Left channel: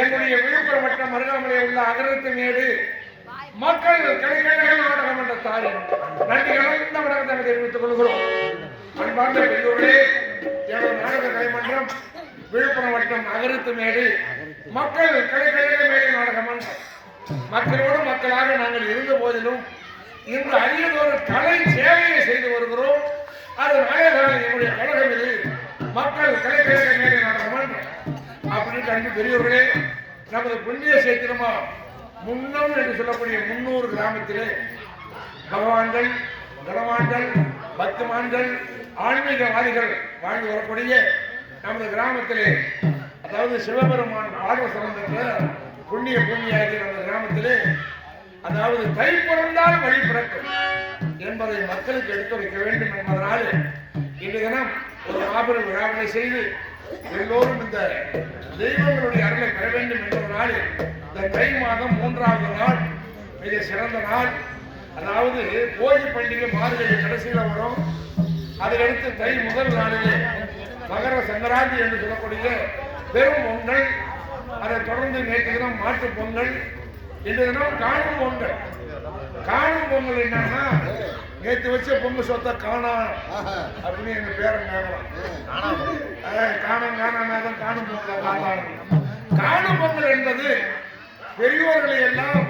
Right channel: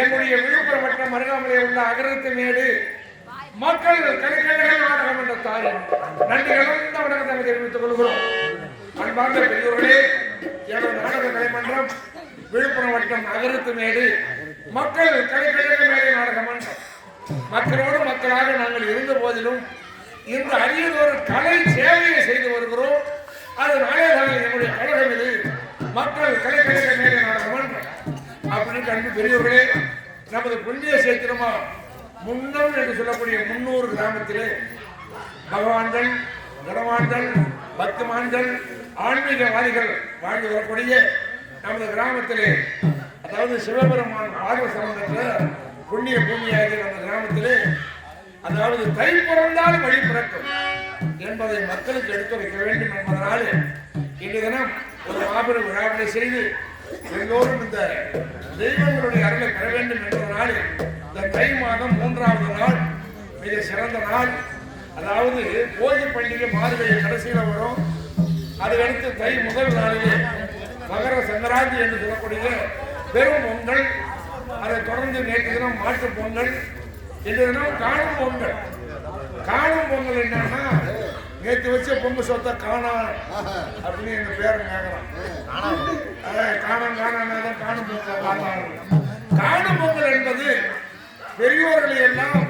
என்னுடைய விழுப்புரம் மற்றும் அருகாமலே உள்ள அகரத்து மேடு மக்கள் கலைக்கழக நாடகம் என்ற தாயின் நன்றி கலந்த வணக்கத்தை தெரிவித்துக் கொள்கிறோம். அன்பார்ந்த பெரியோர்களே, எனது நாடக கலைமன்றம் விழுப்புரம் மற்றும் அகரத்து மேடு மக்கள் கலைக்கழக மேடை நாடக மன்றம். மக்களோடு மக்களாக நாங்கள் இருந்த போதிலும் இந்த அரியதொரு கலை சேவையை செய்து வருகிறோம். அதனாலே தான் என்னுடைய கழகம் இது மக்கள் கலைக்கழக மேடை நாடக மன்றம். அப்படின்னு அன்பு பெரியவர்களே, நமது புண்ணிய சேத்திரமா முன்னம் என்று சொல்லக்கூடிய 300 கிராமத்திலே பகவான்கள், கணவான்கள், பக்தமான்கள், ஆன்மீகவாதிகள் வாழ்ந்து வரக்கூடிய நமது கிராமத்திலே, அதாவது சிவபெருமான் பார்வ சம்பந்தத்தில் புண்ணிய பூமியாகிய நம்ம கிராமத்திலே அதாவது தை பிறந்தால் வழி பிறக்கும் என்பதை மக்களுக்கு எடுத்துரைக்க வேண்டும் என்பதனால் இன்றைய தினம் ஒரு மாபெரும் விழாவினை செய்து எல்லோரும் இந்த தெய்வங்களுடைய அருளை பெற வேண்டும் என்பதனால் இந்த தை மாதம் 3வது நாள் மிக சிறந்த நாள். அதாவது போகி பண்டிகை மார்கழி கடைசியில் வரும். அதுக்கடுத்து தை முதல் நாளிலே மகர சங்கராந்தி என்று சொல்லக்கூடிய பெரும் பொங்கல். அதை தொடர்ந்து நேற்று தினம் மாட்டு பொங்கல், இன்று தினம் காணும் பொங்கல். காணும் பொங்கல் என்னன்னா நேற்று வச்ச பொங்கல் சொத்தை காணா அப்படின்னு எங்க பேரன் கேட்கறான். காணாம் காணாதான் காணும் பொங்கல். காணும் பொங்கல் என்பது பெரியோர்களை எல்லாம்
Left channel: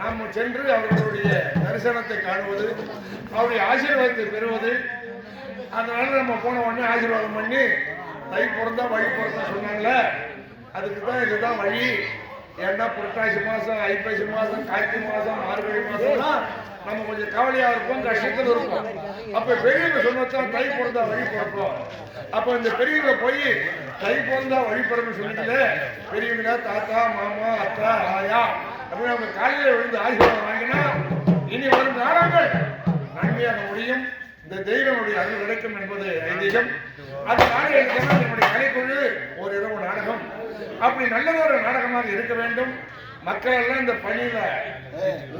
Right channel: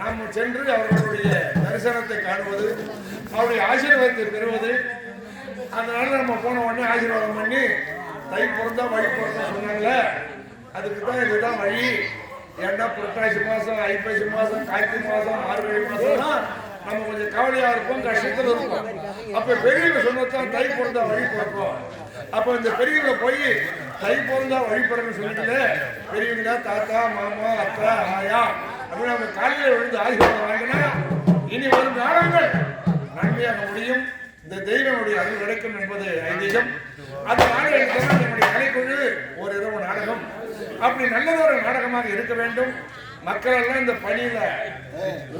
நாம் சென்று அவர்களுடைய தரிசனத்தை காணுவது, அவருடைய ஆசீர்வாதத்தை பெறுவது. அதனால நம்ம போன உடனே ஆசீர்வாதம் பண்ணி தை பிறந்தா வழி பிறந்தா சொன்னாங்களே, அதுக்கு தான் இதுதான் வழி. ஏன்னா புரட்டாசி மாதம், ஐப்பசி மாதம், கார்த்திகை மாதம், மார்கழி மாதம்லாம் நம்ம கொஞ்சம் கவலையாக இருப்போம், கஷ்டத்தில் இருப்போம். அப்போ பெரியவங்க சொன்னதான் தை பிறந்தா வழி பிறக்கும். அப்போ இந்த பெரியவங்களை போய் தை பிறந்தா வழி பிறன்னு சொல்லிட்டு பெரியவங்களா தாத்தா மாமா அத்தா ஆயா அப்படின்னு அவங்க காலையில் விழுந்து ஆசீர்வாதம் வாங்கினா இனி வரும் காலங்கள் நன்மையாக முடியும். இந்த தெய்வனுடைய அருள் கிடைக்கும் என்பது ஐதீகம். அதனால என்னுடைய கலைக்குழு ஒரு இரவு நாடகம் அப்படி நல்லதொரு நாடகமாக இருக்க வேண்டும். மக்கள் எல்லாம் இந்த பணியில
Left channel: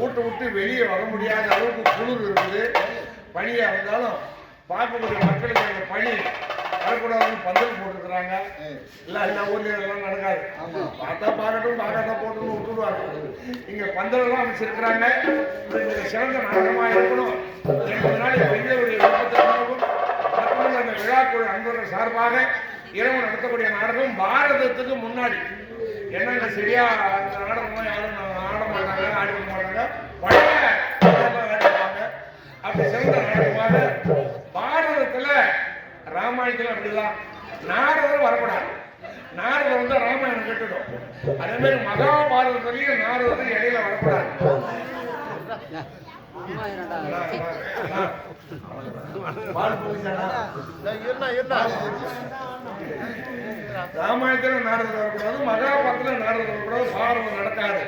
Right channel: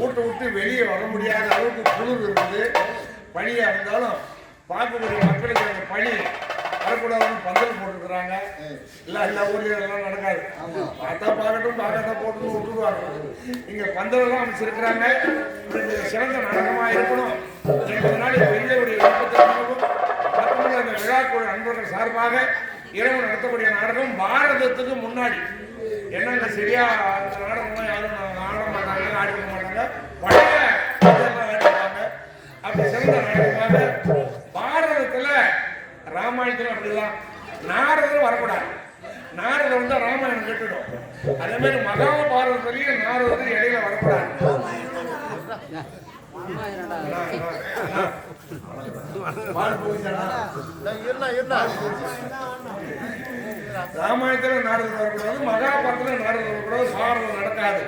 ஊட்ட விட்டு வெளியே வர முடியாத அளவுக்கு குளிர் இருக்குது. பணியா இருந்தாலும் பார்க்கக்கூடிய மக்களுக்கு அந்த பணி வரக்கூடாதுன்னு பந்தல் போட்டுருக்குறாங்க. எல்லா ஊர்லயும் எல்லாம் நடக்காது. பார்த்தா பார்க்கட்டும், பார்க்காட்டா போட்டுன்னு விட்டுடுவாங்க. இங்க பந்தல் எல்லாம் அமைச்சிருக்கிறாங்க. சிறந்த நாடகமா இருக்கணும் என்பதனால பெரியவருடைய விருப்பத்திற்காகவும் மட்டுமல்ல அந்த விழாக்குழு அன்பர்கள் சார்பாக இரவு நடத்தக்கூடிய நாடகம் பாரதத்துக்கு முன்னாடி. என்னங்க சரியா அந்த நாடகம்லாம் யாரும் ஆட மாட்டாங்க, ஆடிக்க மாட்டாங்க, பழைய ஆடிப்பாங்க. அப்படி சிறந்த நாடகமாக பாரதத்துல ராமாயணத்துல அப்படிதான் நாரதர் வரக்கூடாது. நாரதர் வந்து ராமாயணம் கேட்டுடும். அதே மாதிரி மகாபாரதத்திலையும் நாரதர் இடையில வரக்கூடாது. ராமாயணத்துல நாரதர் வரக்கூடாது, மகாபாரதத்துல நாரதர் வரக்கூடாது, பாரதம் நடக்காது.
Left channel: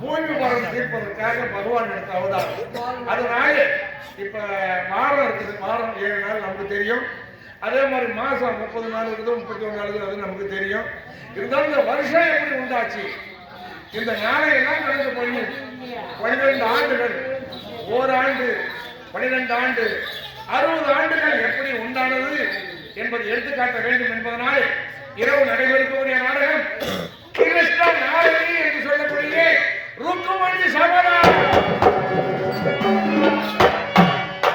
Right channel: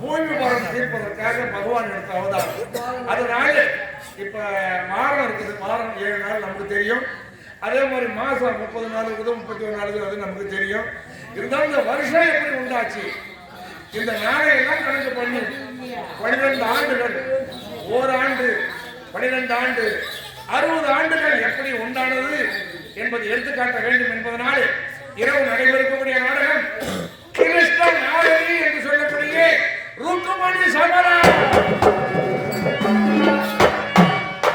பூமி பாரம் தீர்ப்பதற்காக பகவான் எடுத்த அவதாரம். அதனால இப்ப வாரம் இருக்குது, வாரம் 7 நாள் நமக்கு தெரியும். அதே மாதிரி மாசம் 30 நாள் இருக்குது, 31 நாள் இருக்குது, அது நமக்கு தெரியும். இருந்தாலும் இந்த வருஷம் எப்படி உண்டாச்சு, இந்த நாளையெல்லாம் கணக்கு பண்ணி 12 ஆண்டுகள், ஓராண்டு 12 ஆண்டு 60 ஆண்டுகள் எப்படி உண்டானது என்பதை எடுத்துக்காட்ட வேண்டும் என்பதனால இரவு நடைபெறக்கூடிய நாடகம் கிருஷ்ண நாரதி என்று சொல்லக்கூடிய ருக்குமணி சமரா.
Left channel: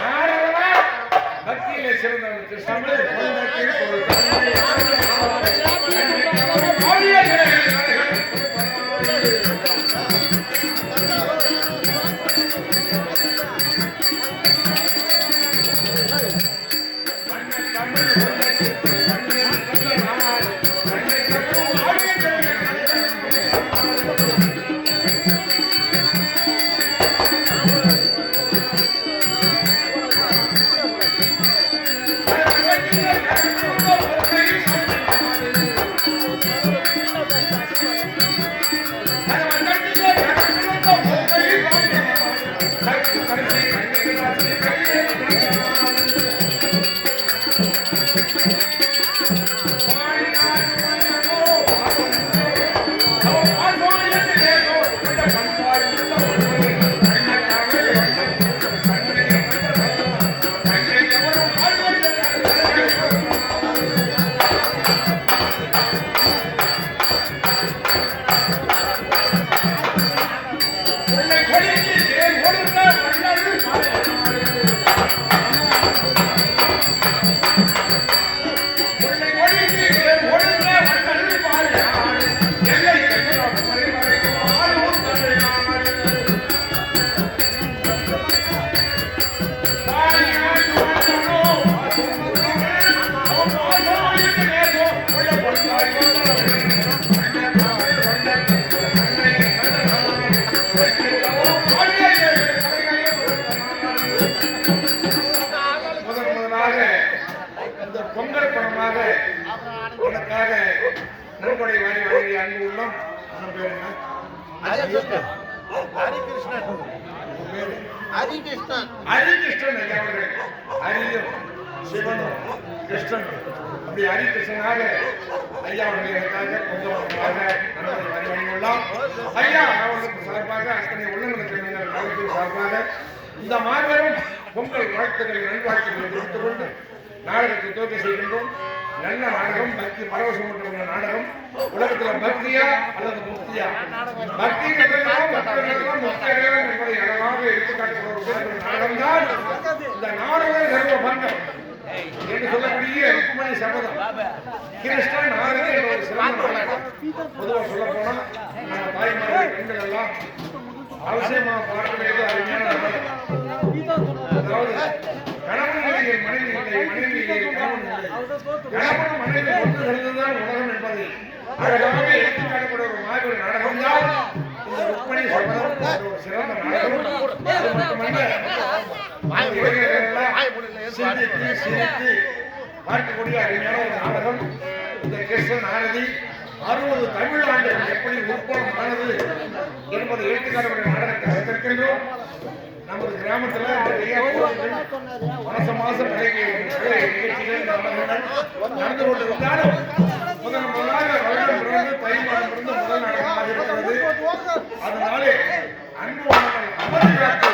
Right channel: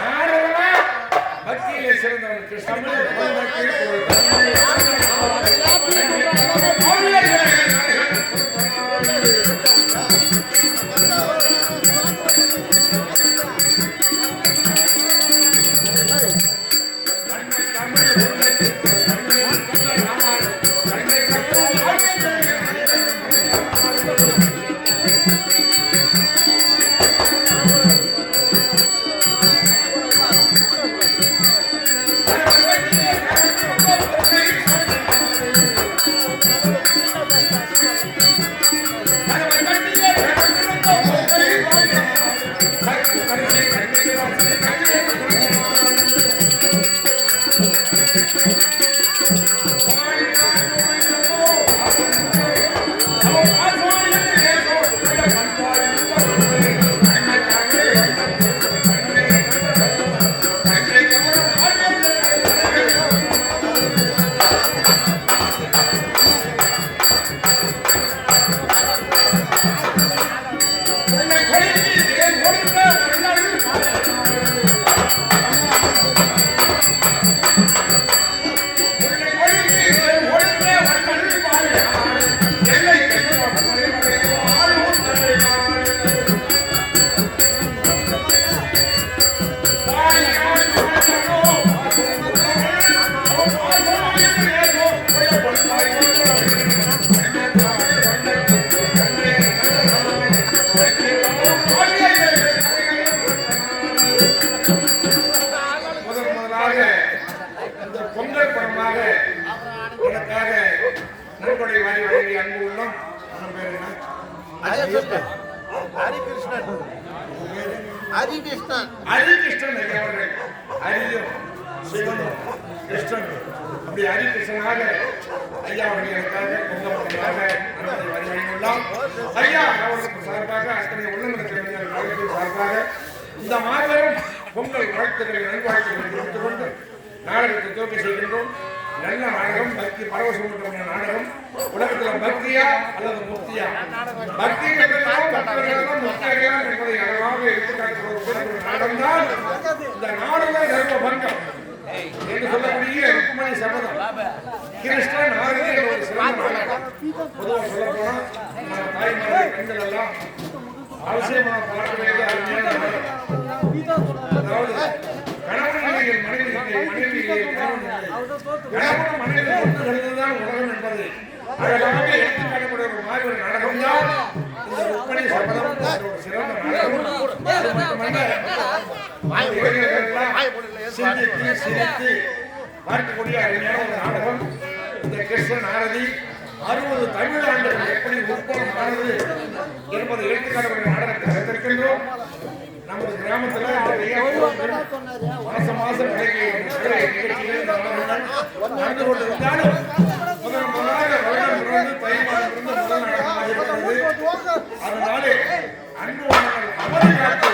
நாரதனா பக்தியிலே சிறந்தவர் கிருஷ்ணன். பொங்கல் பணமாக எனக்காக நன்கொடை வாங்கி வழங்கிய அன்பு உள்ளம் பேர் என்ன? ஹரிகிருஷ்ணன். ஹரிகிருஷ்ணன் ஐயா அவர்கள். ஹரியும் சிவனும் கிருஷ்ணன் அப்படி ஹரிகிருஷ்ணனாக ஐயா அவர்கள் எனக்காக பொங்கப்பட்டதாக நன்மை வரி வழியுள்ளார். ஐயா அவர்களுக்கு சார்பாக அத்தனை உள்ளங்களுக்கு கலைப்பு சார்பாக இந்த மாபெரும் பொங்கல் வாழ்த்துக்களை நல்வாழ்த்துக்களை தெரிவித்துக் கொண்டு நாடகத்தை துவக்க செய்கின்றோம். நல்ல நாடகம், பக்தி பரவசம் கொண்ட நாடகம். உலகத்துல பக்தியா அல்லது முக்தியா? பக்தி கட்டலாம் முக்தி அடையலாம் என்பதை அழகாக எடுத்துக்காட்டுகிற ஒரு நாடகம் தான் இந்த நாடக தர்ம பங்கம் என்று சொல்லக்கூடிய ருக்மணி சபதம். கிருஷ்ணன் நாடகம் என்ற ஒரு சிறந்த நாடகம். பொதுவாக சொல்ல போனா நம்ம தாய்மார்கள் பெண்கள் எல்லாம் அவசியமாக பார்க்க வேண்டியது அருமையான நாடகம். அதாவது கணவன் நிலையில் மனைவி இல்லை, மனைவி இல்லை கணவன் இல்லை, கணவன் மனைவி ஒன்று கலந்துதான் உலகம் என்பதை அழகாக எடுத்துக்காட்டக்கூடிய ஒரு மாபெரும் நாடகம் தான் இந்த ருக்மணி சபதம். ஒரு சிறந்த நாடகம். அது மட்டுமல்ல சிந்தித்து சிரித்து பார்க்கக்கூடிய அருமையான ஒரு நாடகம். இந்த கிருஷ்ணன் ஆரதி 60 தமிழ் ஆண்டுகள் எப்படி உற்பத்தம் ஆனது என்பதை எடுத்துக்காட்டக்கூடிய நாடகத்தை வைத்திருக்கின்றோம். நமது கிராமத்துல மாசம் நிகழ்ச்சிகள் நடந்து கொண்டிருந்தாலும் முதலாக வருடம் பிறந்து தை மாதம் பிறந்து முதல் நாடகமாக இருக்கிறது. அதனாலே அன்பு உணவர்கள் அமரி காத்து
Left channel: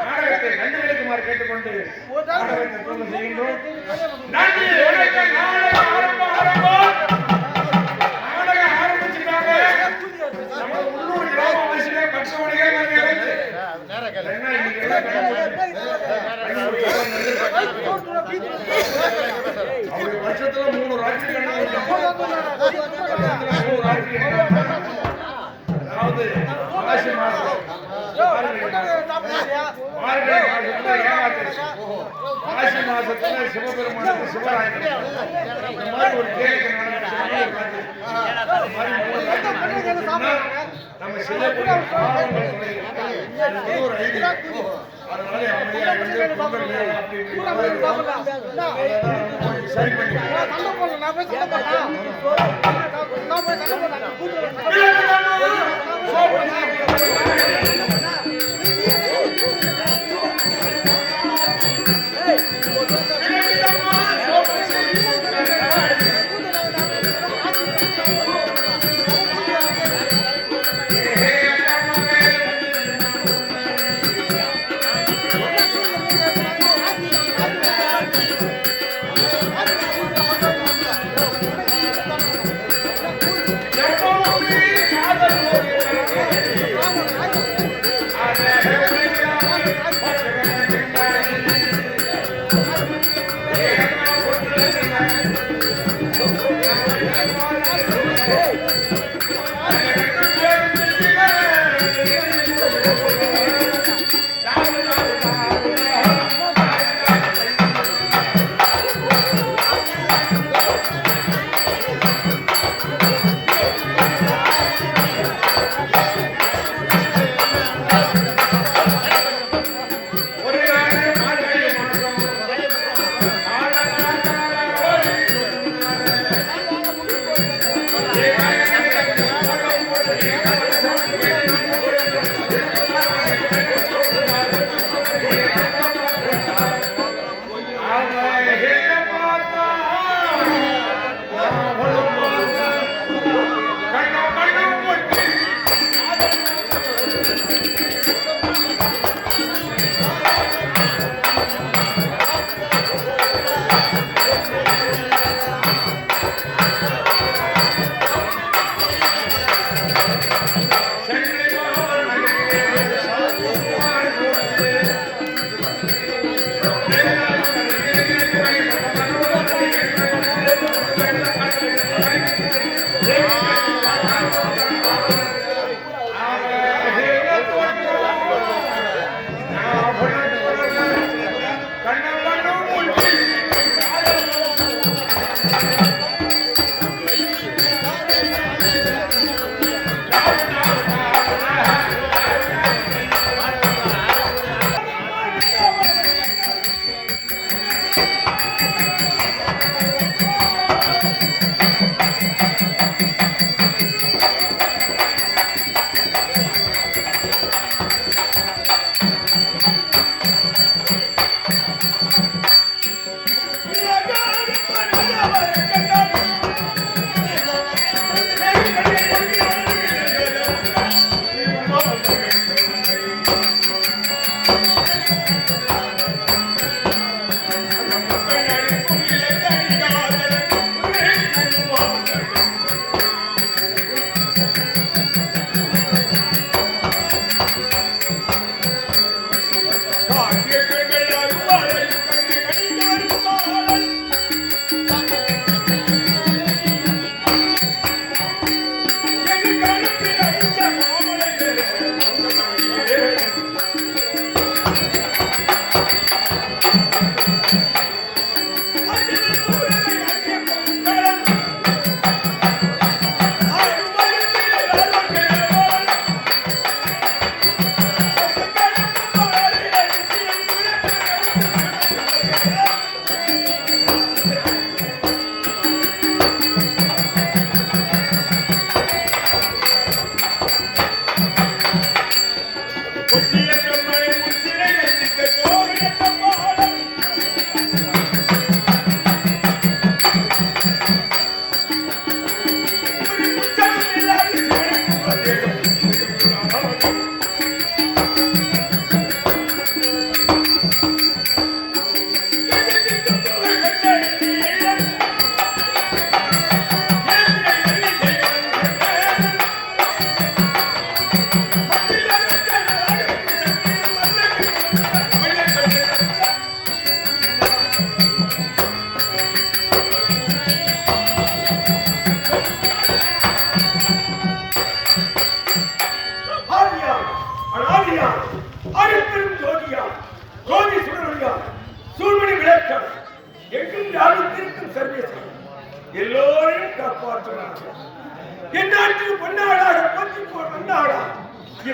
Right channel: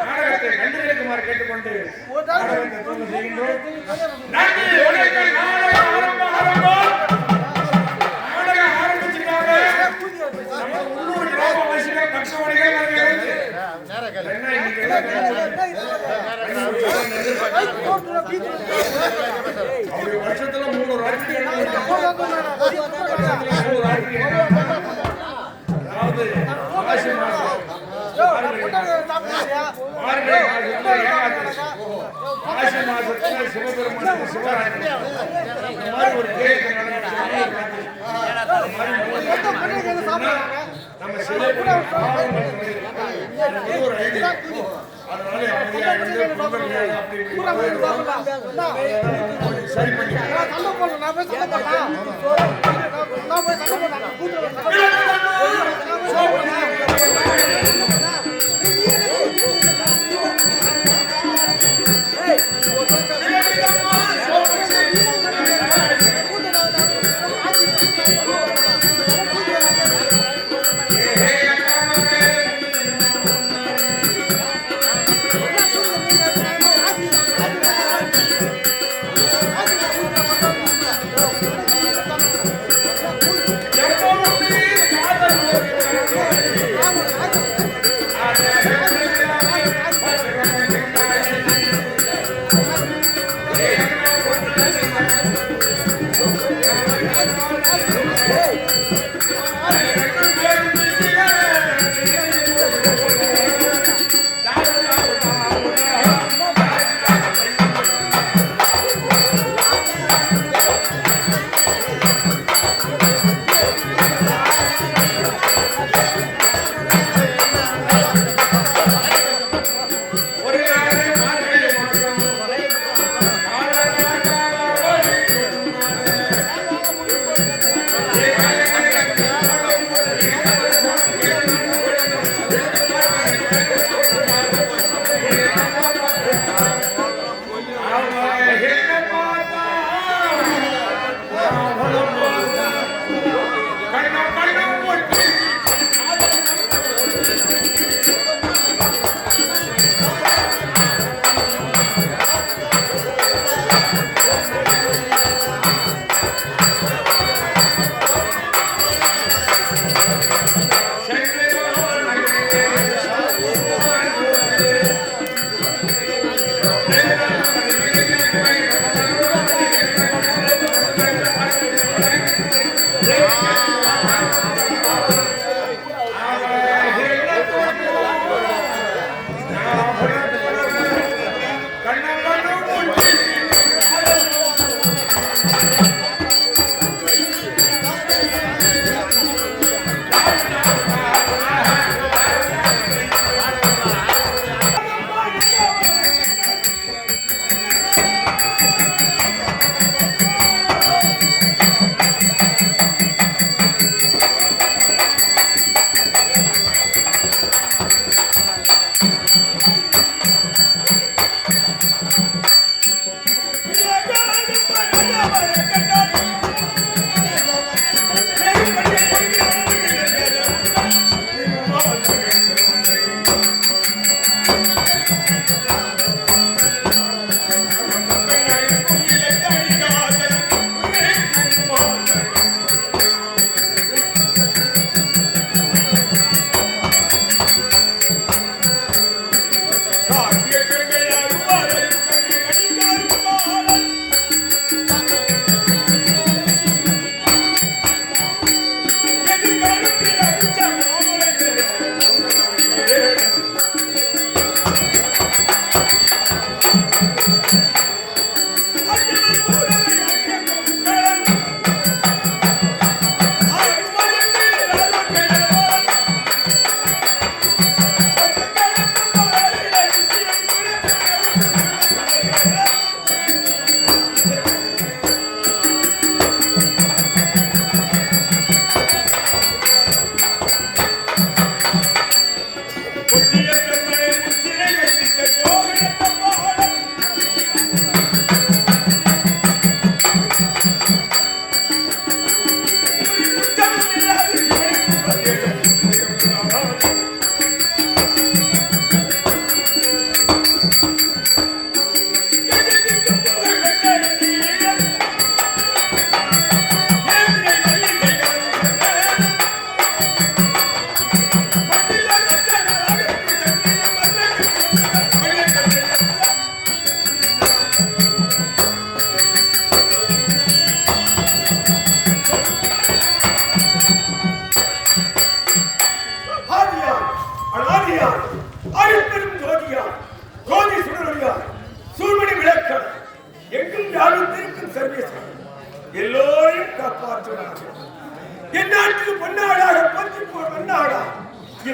நாடகத்தை கண்டுபிடிக்குமாறு கேட்டுக்கொண்டு நாடகத்தை துவங்க செய்கின்றோம். நன்றி, வணக்கம். நாடகம் ஆரம்பிச்சுட்டாங்க. நமது உள்ளூர் கிராமவாசிகள் பக்தமணிகள் என்ன இன்னைக்கு அப்படி வருஷத்துல 3 ராத்திரி அதாவது மாசி மாசம் மார்கழி மாசத்துல ஏகாதசி, மாசி மாசத்துல சிவபெருமானுக்கு சிவராத்திரி, இந்த மாதிரி ஒரு கேள்வி நம்ம செய்யக்கூடிய ஒரு ஐடியா. அதனால அப்படியா இருந்து பொங்கல் அப்படி சரி பண்ணி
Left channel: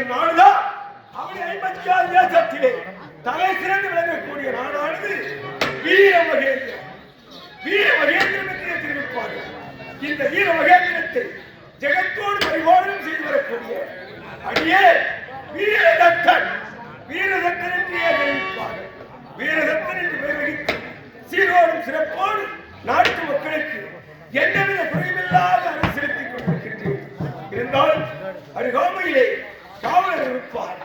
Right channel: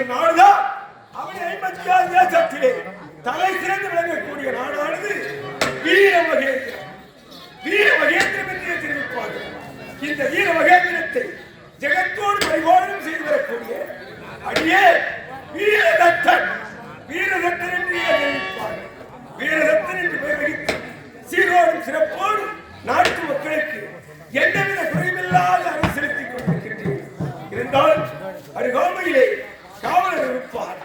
இந்நாடுதான் அவனை 56 தேசத்திலே தலை சிறந்து விளங்கக்கூடிய நாடானது வீரமகேந்திரம். வீரமகேந்திரம் என்றே தெரிவிப்பார்கள். இந்த வீரமகேந்திரத்தை ஜெகத்தோடு பரிபாலனம் செய்து வரக்கூடிய அடியே வீரதத்தன். வீரதத்தன் என்றே தெரிவிப்பார்கள். வீரதத்தன் என்று பெயர் வைத்து சீரோடும் சிறப்போடு நாட்டு மக்களுக்கு எந்தவித குறைவில்லாத அரசு செலுத்திக் கொண்டிருக்கின்றேன். இருந்தாலும் அருகாமையிலே காவலர் இருப்பார்.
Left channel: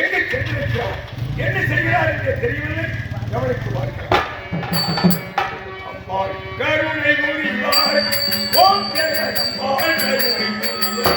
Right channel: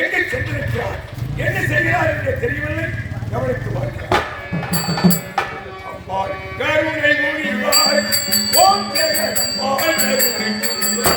எங்கு சென்றிருக்கிறார், என்ன செய்கிறார் என்று தெரியவில்லை. கவனித்து பார்க்கிறார். அம்மாள் கருணை புரிவாய், ஓம் ஜெகதம்மாள் கருணை புரிவாய்.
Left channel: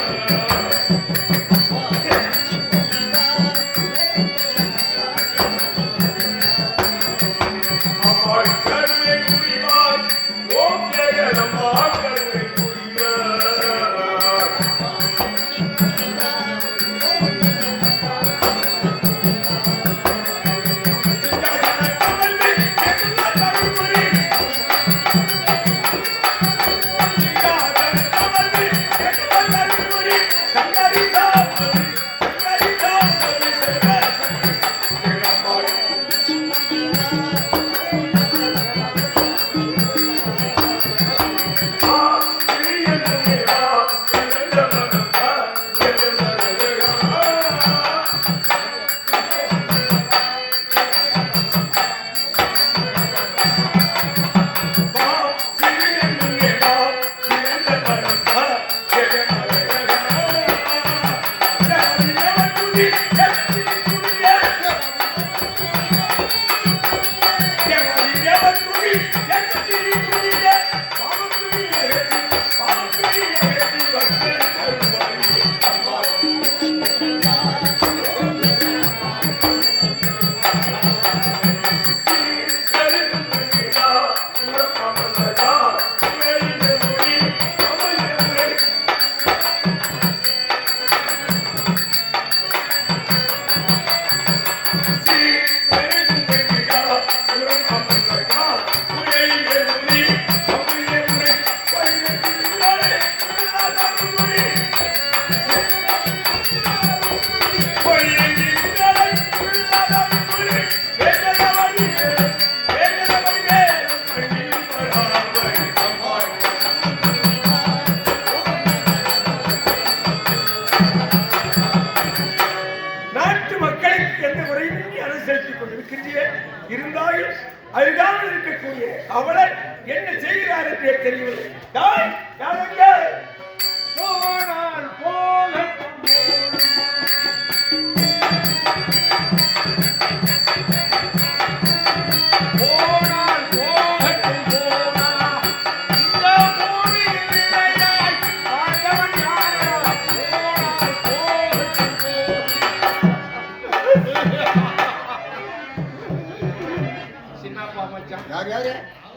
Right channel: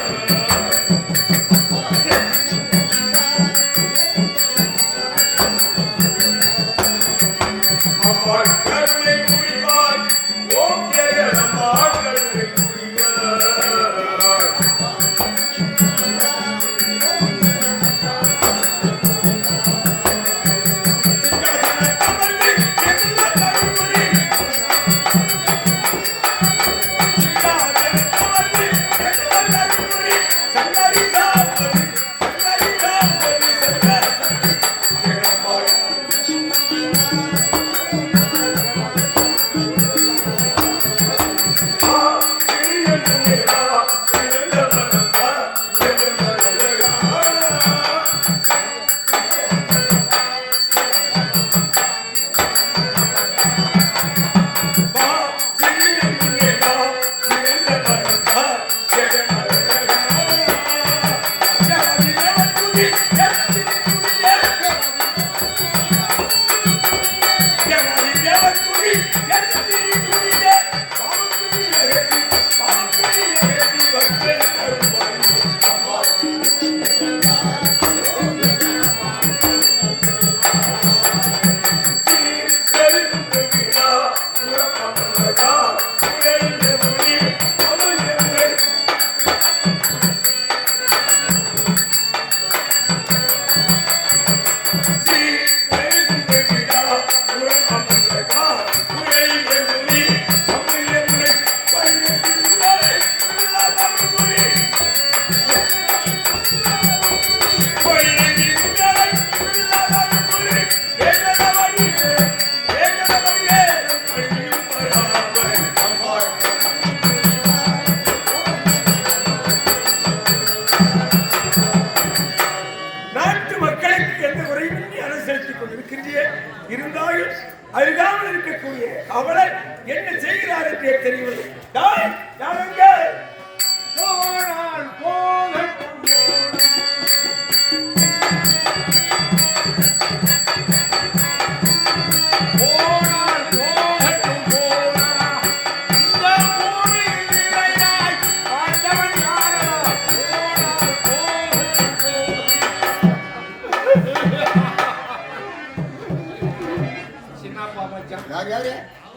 இருந்தாலும் அருகாமல் இருக்கக்கூடிய அவளர் என்ன செய்கிறார் என்றே தெரியவில்லை.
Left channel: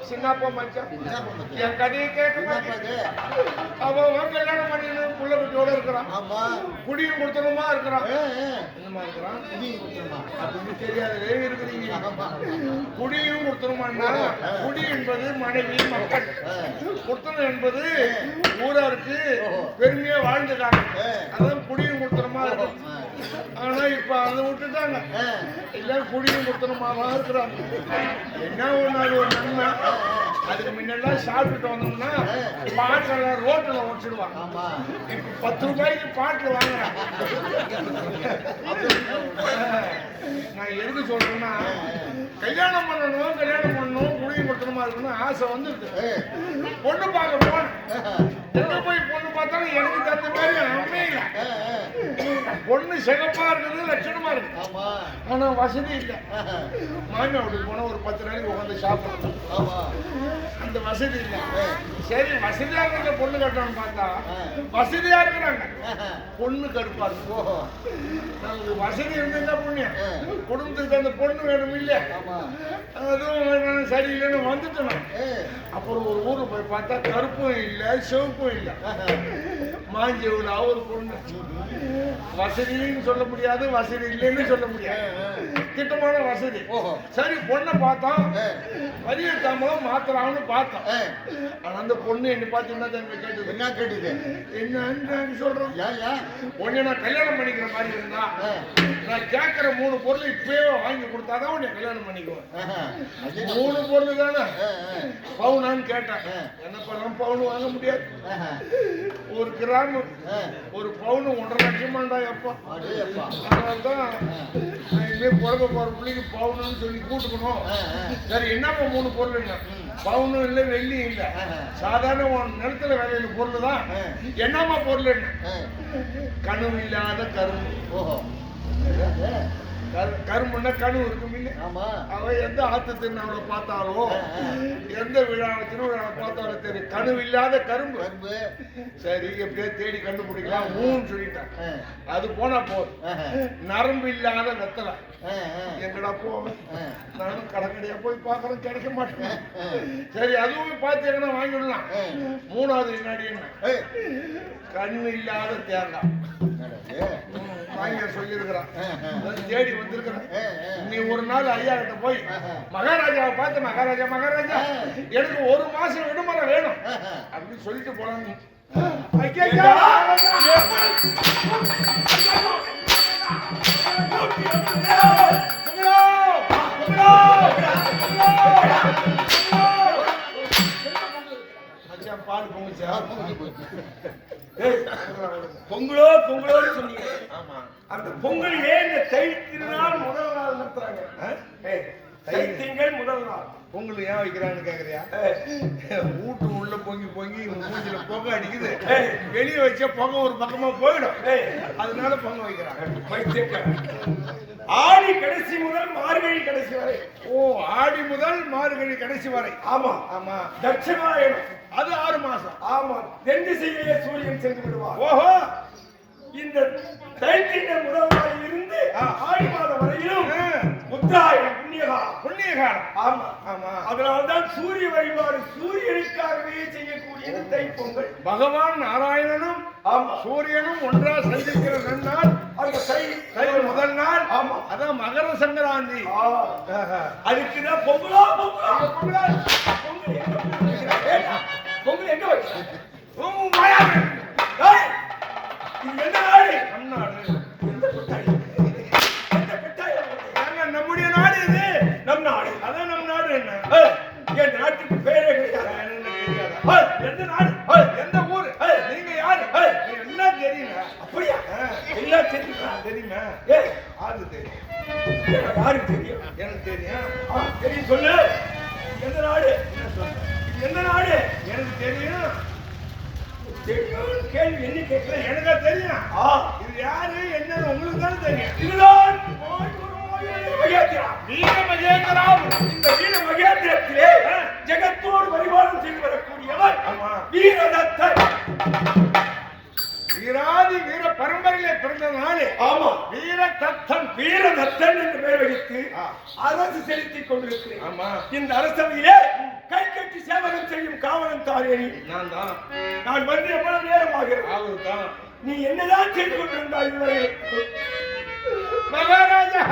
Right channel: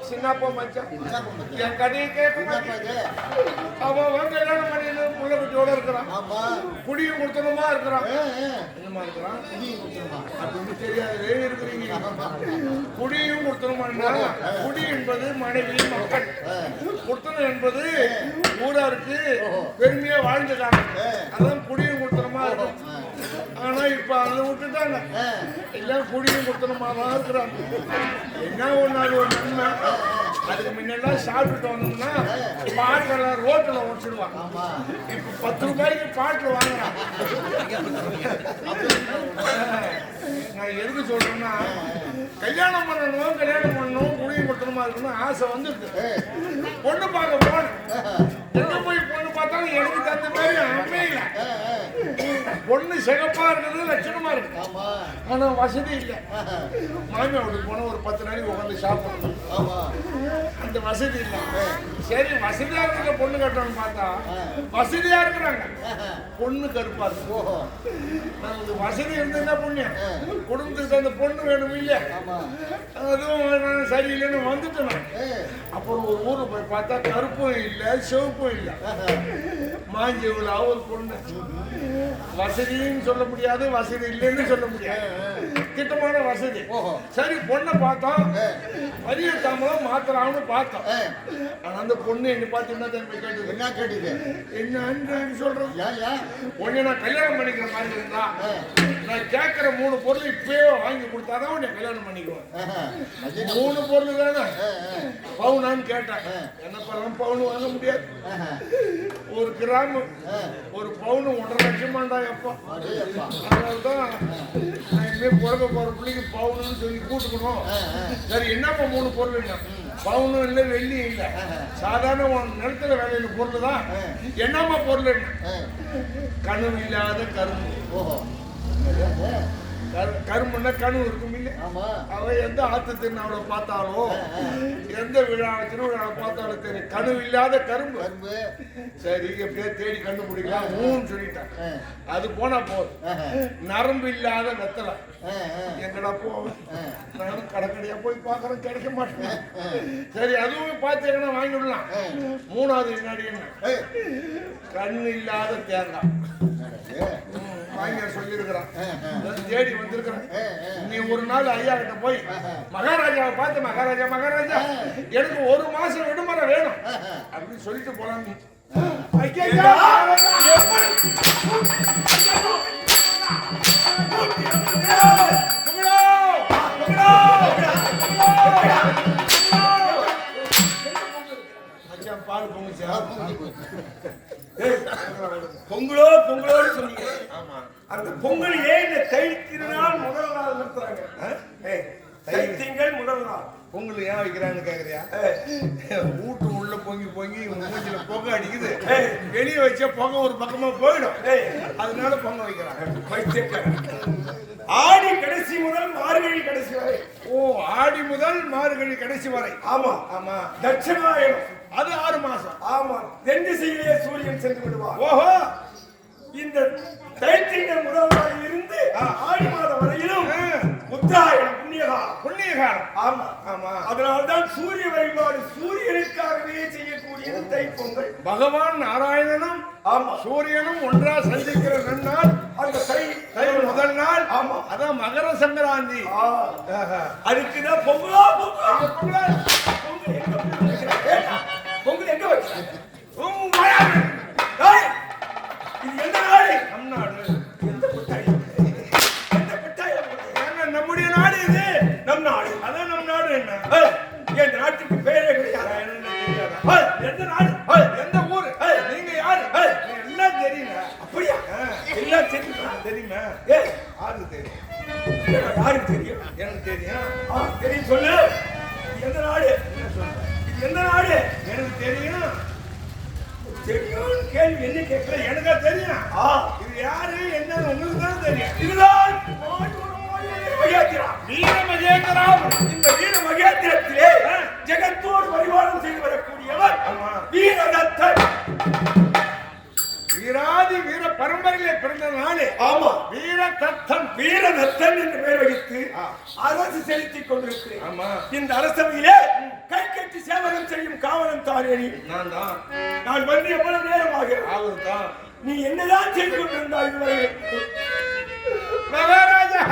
சின்னப்பா மச்சான் என் கதையை கேட்க மாட்டேன். அவன் கல்யாணம் பண்ணி புள்ள குட்டியோட இருக்கிறான். குடியும் கொடுத்தனுமா இருக்கிறான். என்னமா இருக்கிறான் அப்படின்னு தெரியாத இருக்கிறீங்க. குடியும் கொடுத்தனுமான்னா குடி என்பது மனைவி மக்கள், கொடுத்தனம் என்பது ஊராருக்கு பெருமையா வாழ்ந்துட்டாங்க. அதான் குடியும் கொடுத்தனமா இருக்கும். ஆனா இப்ப அதை விட்டுட்டாங்க. எல்லாம் குடியும் கொடுத்தனமா தான் இருக்கிறாங்க. என்ன ஒண்ணு அது ஒரு நன்மை. அதுக்கு முன்னெல்லாம் சாப்பிட்டுட்டு வந்தோம்னா பாட்டில் ரோட்டில் உடச்சிடுவாங்க. இப்ப 10 ரூபாய்க்கு பாட்டில் வாங்குறான். நான் எதுக்கு சொல்றேன்னா, கல்யாணம் பண்ணணும் குடியும் கொடுத்தணுமா இருக்கணும் ஆசை வந்துருக்கு. பொண்ணு பார்க்க போனேன். எங்க போய் பொண்ணு பார்த்தாலும் எனக்கு தகுந்த மாதிரி அமையல. பொண்ணு சிகப்பா இருக்குது, லட்சணமா இருக்கு. ஆனா வசதி இல்லை. மாமியா வீட்டுக்கு போனா ஒரு 10 நாளைக்கு உட்காந்து சாப்பிடணும். அந்த வசதி இல்லை. சரி வசதியா இருக்க பொண்ணு கட்டணும்னு பார்த்தா வசதியா இருக்கிறாங்க, பொண்ணு கருப்பா இருக்கு. நமக்கு வசதி இருந்ததுன்னா புண்ணியம். குடும்பத்துக்கு அந்த பொண்ணு வேணும் இல்ல, அதுவும் சரியில்லைன்னு வந்துட்டேன். அப்புறம் ஒரு ஊருக்கு போய் பார்த்தா கருப்பும் இல்லை சிவப்பும் இல்லை, மாஞ்சி ஒரு பொண்ணு. வசதின்னு சொல்ல முடியாது, வசதி இல்லைன்னு சொல்ல முடியாது. திட்டமான வசதி. சரி பொண்ணை பார்த்தோம், வரிய தாமலம் மாத்திரான்னு பார்த்தோம். ஆனா அந்த பொண்ணு என்ன பார்த்து என்ன தம்பி கேட்டது? என்ன கேட்டது? என்னன்னு சொல்றோம்? உன்னை நான் கல்யாணம் பண்ணிக்கிற மாதிரி இருந்தா நான் கேட்கிற 3 பொருள் இப்பயே வாங்கி கொடுத்தாதான் உன்னை கல்யாணம் பண்ணிக்குவேன். 3 பொருள் தானே பவுனான்னு கேட்டேன். என்னப்பெல்லாம் பவுன் வாங்க முடியாது. 1 கிராம் 1 பவுன் 1.5 லட்சமாண்டா எப்பா. அதனால்தான் நான் இனிமேல் பிறக்க போற பிள்ளைக்கு பவுனுன்னு சொல்லி கூட்டுக்கணும். சரி என்னப்பா 3 பொருள் என்ன? பவுனும் இல்லை, வெள்ளியும் இல்லை, சாதாரண நிலத்துல விளையிற பொருள் தான். என்னம்மா பொருள் என்ன? கனவு இல்லாத கரும்பு. கரும்புன்னா கனவு இருக்கும் இல்லை? அவன் எந்த ஆத்து திருநாளை பார்த்தாலும் எந்த விழா திருவிழாவை பார்த்தாலும் தெரியும் கனவு இல்லாத கரும்பு. சரி எப்படியே தேடி கண்டுபிடிக்கலாம் ஊன்னு சொல்லிட்டான். அது போனா போதும். நரம்பு இல்லாத வெத்தலை எங்கடா போவேன்? நானும் கடைக்கடையா போய் பார்க்கறேன், கிடைக்க மாட்டேன். சரி அதுவும் பார்த்தீங்கன்னா வாங்கி விடலாம். 3வது வினாடி என்ன? கண்ணு இல்லாத தேங்காய் வாங்க சொல்லியிருக்கிறான். தேடி வந்திருக்கிறேன். நீ ஒரு நாள் ஐயா கிட்ட போய் மகாராஜாவை பார்த்து மகாராஜா மகாராஜா எனக்கு 1 மாசம் விடுமுறை வேணும் அப்படின்னு சொல்லிட்டு போலான்னு. பால் பொங்குச்சா? பொங்கலோ பொங்கலோன்னு சொன்னீங்க. ஆமா, அந்த பொங்கல் ஏன் இந்த தை திருநாள் முதல் நாள் நடத்துறாங்க? தைத்திங்கள் முதல் நாள் பொங்கல் ஏன் வைக்கிறான்னு கேக்குறியா? வீட்டு உள்ள பொங்கி பொங்கி மூஞ்சில பொங்க அடிக்குது, வெளியே வச்சா பொங்க ஒரு பக்கமா போயிடும், அதனால பொங்க வைக்கிறாங்க. ஆடி கடைசி முதல் மார்கழி கடைசி வரை. ஓ, ஆடி முதல் மார்கழி கடைசி வரை. ஆமா ஆமா. தட்சிணாயனம் அது 6 மாசம். ஆமா, தென் திசையிலே சூரியன் சென்று விடுவார். ஓஹோ, இந்த தைத்திங்கள் முதல் நாளில் இருந்து ஆடி மாதம் வரையிலும் உத்தராயணம் புண்ணியகாலம். ஆமா ஆமா. அதனால்தான் சூரிய வழிபாடு சூரியனுக்காகவே செய்யக்கூடிய தைப்பொங்கல். பகவான் நாராயணனும் ஆமா சூரியனும் ஒன்றா சந்திக்கிற நன்னாள் அந்த தை முதல் நாள். ஆமா, அதான் மகர சங்கராந்தி. அதுக்குதான் பொங்கலா பொங்கல். பொங்கல் எங்க வச்சு இது என்ன நாடு? நம் நாடு. எந்த கொட்டாய்? எந்த கொட்டாய்? நம்முடைய நாடு இது. நம் நாடு. அதான் நம் நாடு. என்ன என் நாட்டுக்கு பேரே கிடையாது. தெரியாதா? எந்த நாடு? எந்த ஊரு? நீங்க யாரு? எல்லாம் தெரியுங்க. அப்படியா? எல்லாம் தெரியுமா? தெரியுமா? யாருக்கு தெரியும்? யாருக்கு தெரியும்? எனக்கு தெரியும். தெரியும், சொல்லு. எந்த நாடு? என்ன சொல்ற? இது எந்த நாடு? எனக்கு தெரியும். தெரியும் கேள்வி என்ன கேட்கல? எனக்கு தெரியும். இது யாரு என்னன்னு உங்களுக்கு தான் தெரியும். இதுதான் வீர மகேந்திரா. இந்த வீர மகேந்திரத்திலே ஜெகத்தோடு பரிமாணம் செய்து வரக்கூடியவர் வீரதத்தன். வீராதி வீர பரம்பரையிலே பிறந்த நாளே. ஆமா, வீரதத்தன். வீரதத்தன் என்று பெயர் வைத்து அரசு செலுத்திக் கொண்டிருக்கிறேன். ஆமா, இந்த அரசவையிலே கை கட்டி சேவகம் செய்யும் காவலன் தாரேனி நான் தான். நான் வந்து எவ்வளவு நேரமாக அவர் தான். நீ என்னதான் செய்து கொண்டிருந்தாய் இதுவரை? மகாராஜா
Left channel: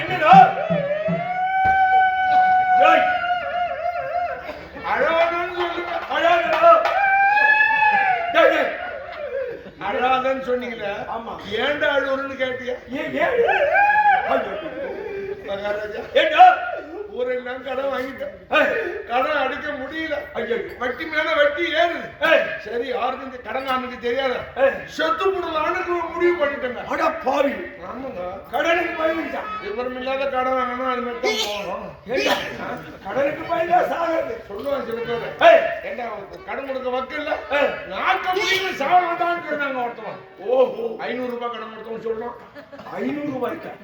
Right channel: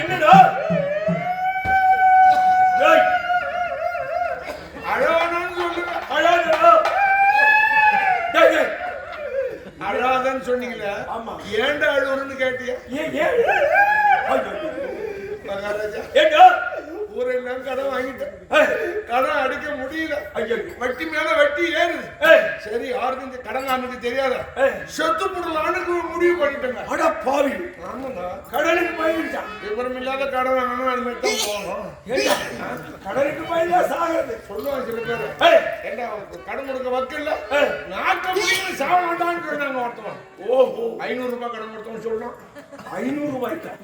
என்னடா அழாதன்னு சொல்லுங்க. அழாதா? அழாதன்னு சொன்னீங்களா? ஆமா. ஏண்டா அழுவுறன்னு கேட்டியா? மகாராஜா ஏண்டா ஊரெல்லாம் கடன் வாங்கிட்டேன். கடன் அடிக்க முடியல. வட்டி மேல வட்டி ஏறுது. சரி, யாருக்கும் இந்த கடன் நமக்கு தெரியாத செத்து போடலான்னு முடிவு பண்ணிட்டேங்க. அட பாவி. ஆமாங்க, கடனுக்கு பயந்துட்டான். விவரம் இல்லாத கடன் வாங்கணும், அது மாதிரி தான் போகணும். கடனுக்கு பயந்தா சாகிறது சொல்லுவாங்க சில பேரு. ஏண்டா கடன் கொடுக்க வக்கில்ல, நாக்க முடியல சாக வேண்டாம்னு சொன்னாங்க ஒருத்தவன். ஓஹோ, 500 ரூபாய் கடன் கொடுத்தோம்னு சொல்றோம். 500 ரூபாய்க்கா?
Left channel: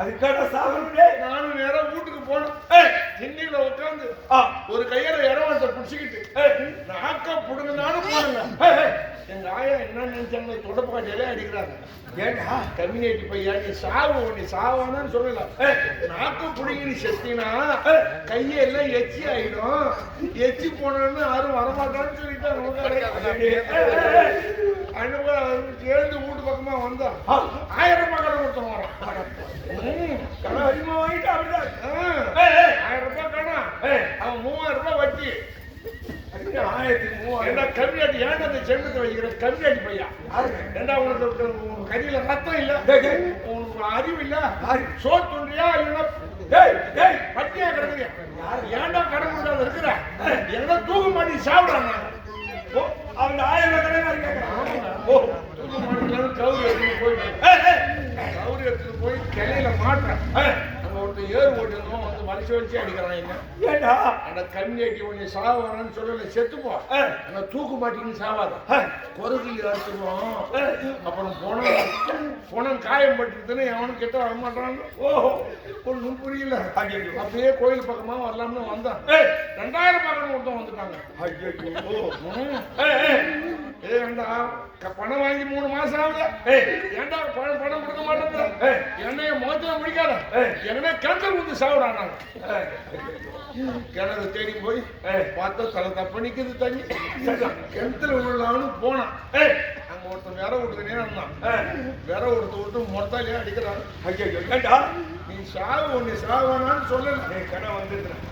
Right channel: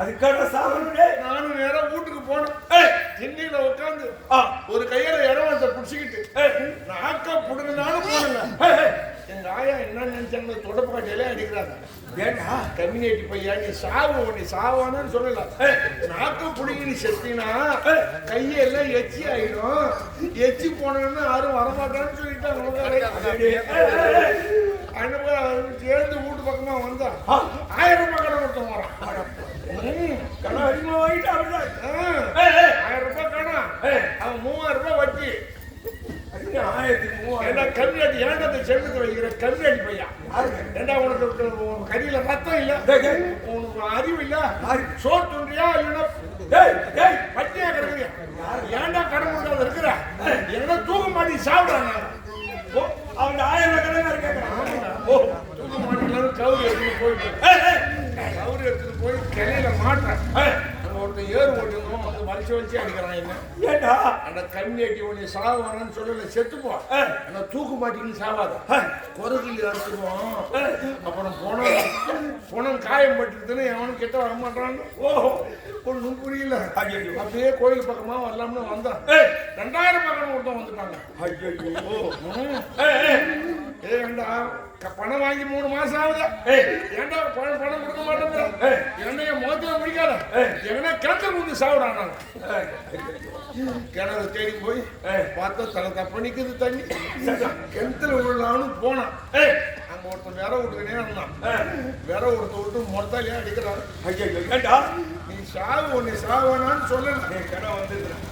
அதுக்கான சாகணும். நானும் நேரம் வீட்டுக்கு போனோம். திண்ணில உட்காந்து ஒரு கையில இறவத்தை புடிச்சுக்கிட்டு நாக்க புடுங்கனாலும் போனுங்க. எங்க ஆயா என்ன நினைச்சாங்க, தொடப்பு காட்டையில அடிக்கிறாங்க. ஏண்டா கம்யூனிட்டி பையா, நீ சாவு, நீ சாவானு சொல்லல, நாக்கம் புடுங்கி நீ செத்தினா கையெல்லாம் எச்சி ஆயிடும், எச்சி போனோன்னு யாரும் வரமாட்டான்னு சொல்லிட்டு எழுந்து வீட்டு பக்கமா வந்தா 1000 ரூபாய் கடன் கொடுத்தோம் வரான். கடன் அதிகமா வாங்கிட்டு அப்படிதான் 1000 ரூபாய் கடன், அவன் 3000 ரூபாய் வட்டி. 1000 கம்மியாட்டி ஏன்டா அந்த செல்லுக்கு வைக்கிற கம்மியாட்டி பையா? ஏண்டா உனக்கு கறியில ரத்தம் இல்ல, உனக்கு அறிவு இல்ல, சோறு துண்டியா இல்லைன்னா பட்டியா கிடக்குறியா? ஏன்டா கடன் கொண்டாந்து இருக்கிற? எங்க தூக்க மாட்டி சாப்பிடுறாங்க. அவன் 1000 கடன் கேட்கறான். தூக்க மாட்டி கவுரி எடுத்துட்டு போய் கிளையில மாட்டேன். அங்க ஒருத்தர் ஏறு ஓட்டிருந்தோம், வந்து வலிச்சு அடிக்கிறான். என்ன ஏண்டா அந்த கண்ணேட்டி ஒண்ணு சாவானு சொல்லல, செத்துப்போ. ஆனா தூக்கு மாட்டிக்கின்னு சாவாத, குரகில் அறுத்துருவோம். அப்புறம் போனம் காயம் பட்டுதுன்னு எவனும் கிட்ட வரமாட்டான். ஒன்றும் புரியல. அப்படியே கோயில் பக்கமா வரலாம்னு வந்தான். 2000 பக்கம் ஒருத்தம் வந்துட்டாங்க. ஏண்டா பணம் வாங்கி 3 மாசம் ஆகுது, ஏண்டா பணம் கொடுக்க மாட்டேங்கிற? என்னைய முகத்துல முடிக்காத, எங்கன்னா கிணத்துல கொண்டு சாப்பிடாங்க. கிணறு தேடி போய் பார்த்தா தலை தப்ப நிக்குது தண்ணி. கிணத்துல விழலான்னு போனான். அங்க ஒருத்தன் வேற விட்டுக்கினே இருந்தான். வேற ஒருத்தர் மொத்தாலே அடிக்கிறான். ஏண்டா நீ சாவு, உன்னை சாவானான்னு சொல்லல. கடை வந்துடுறேன்.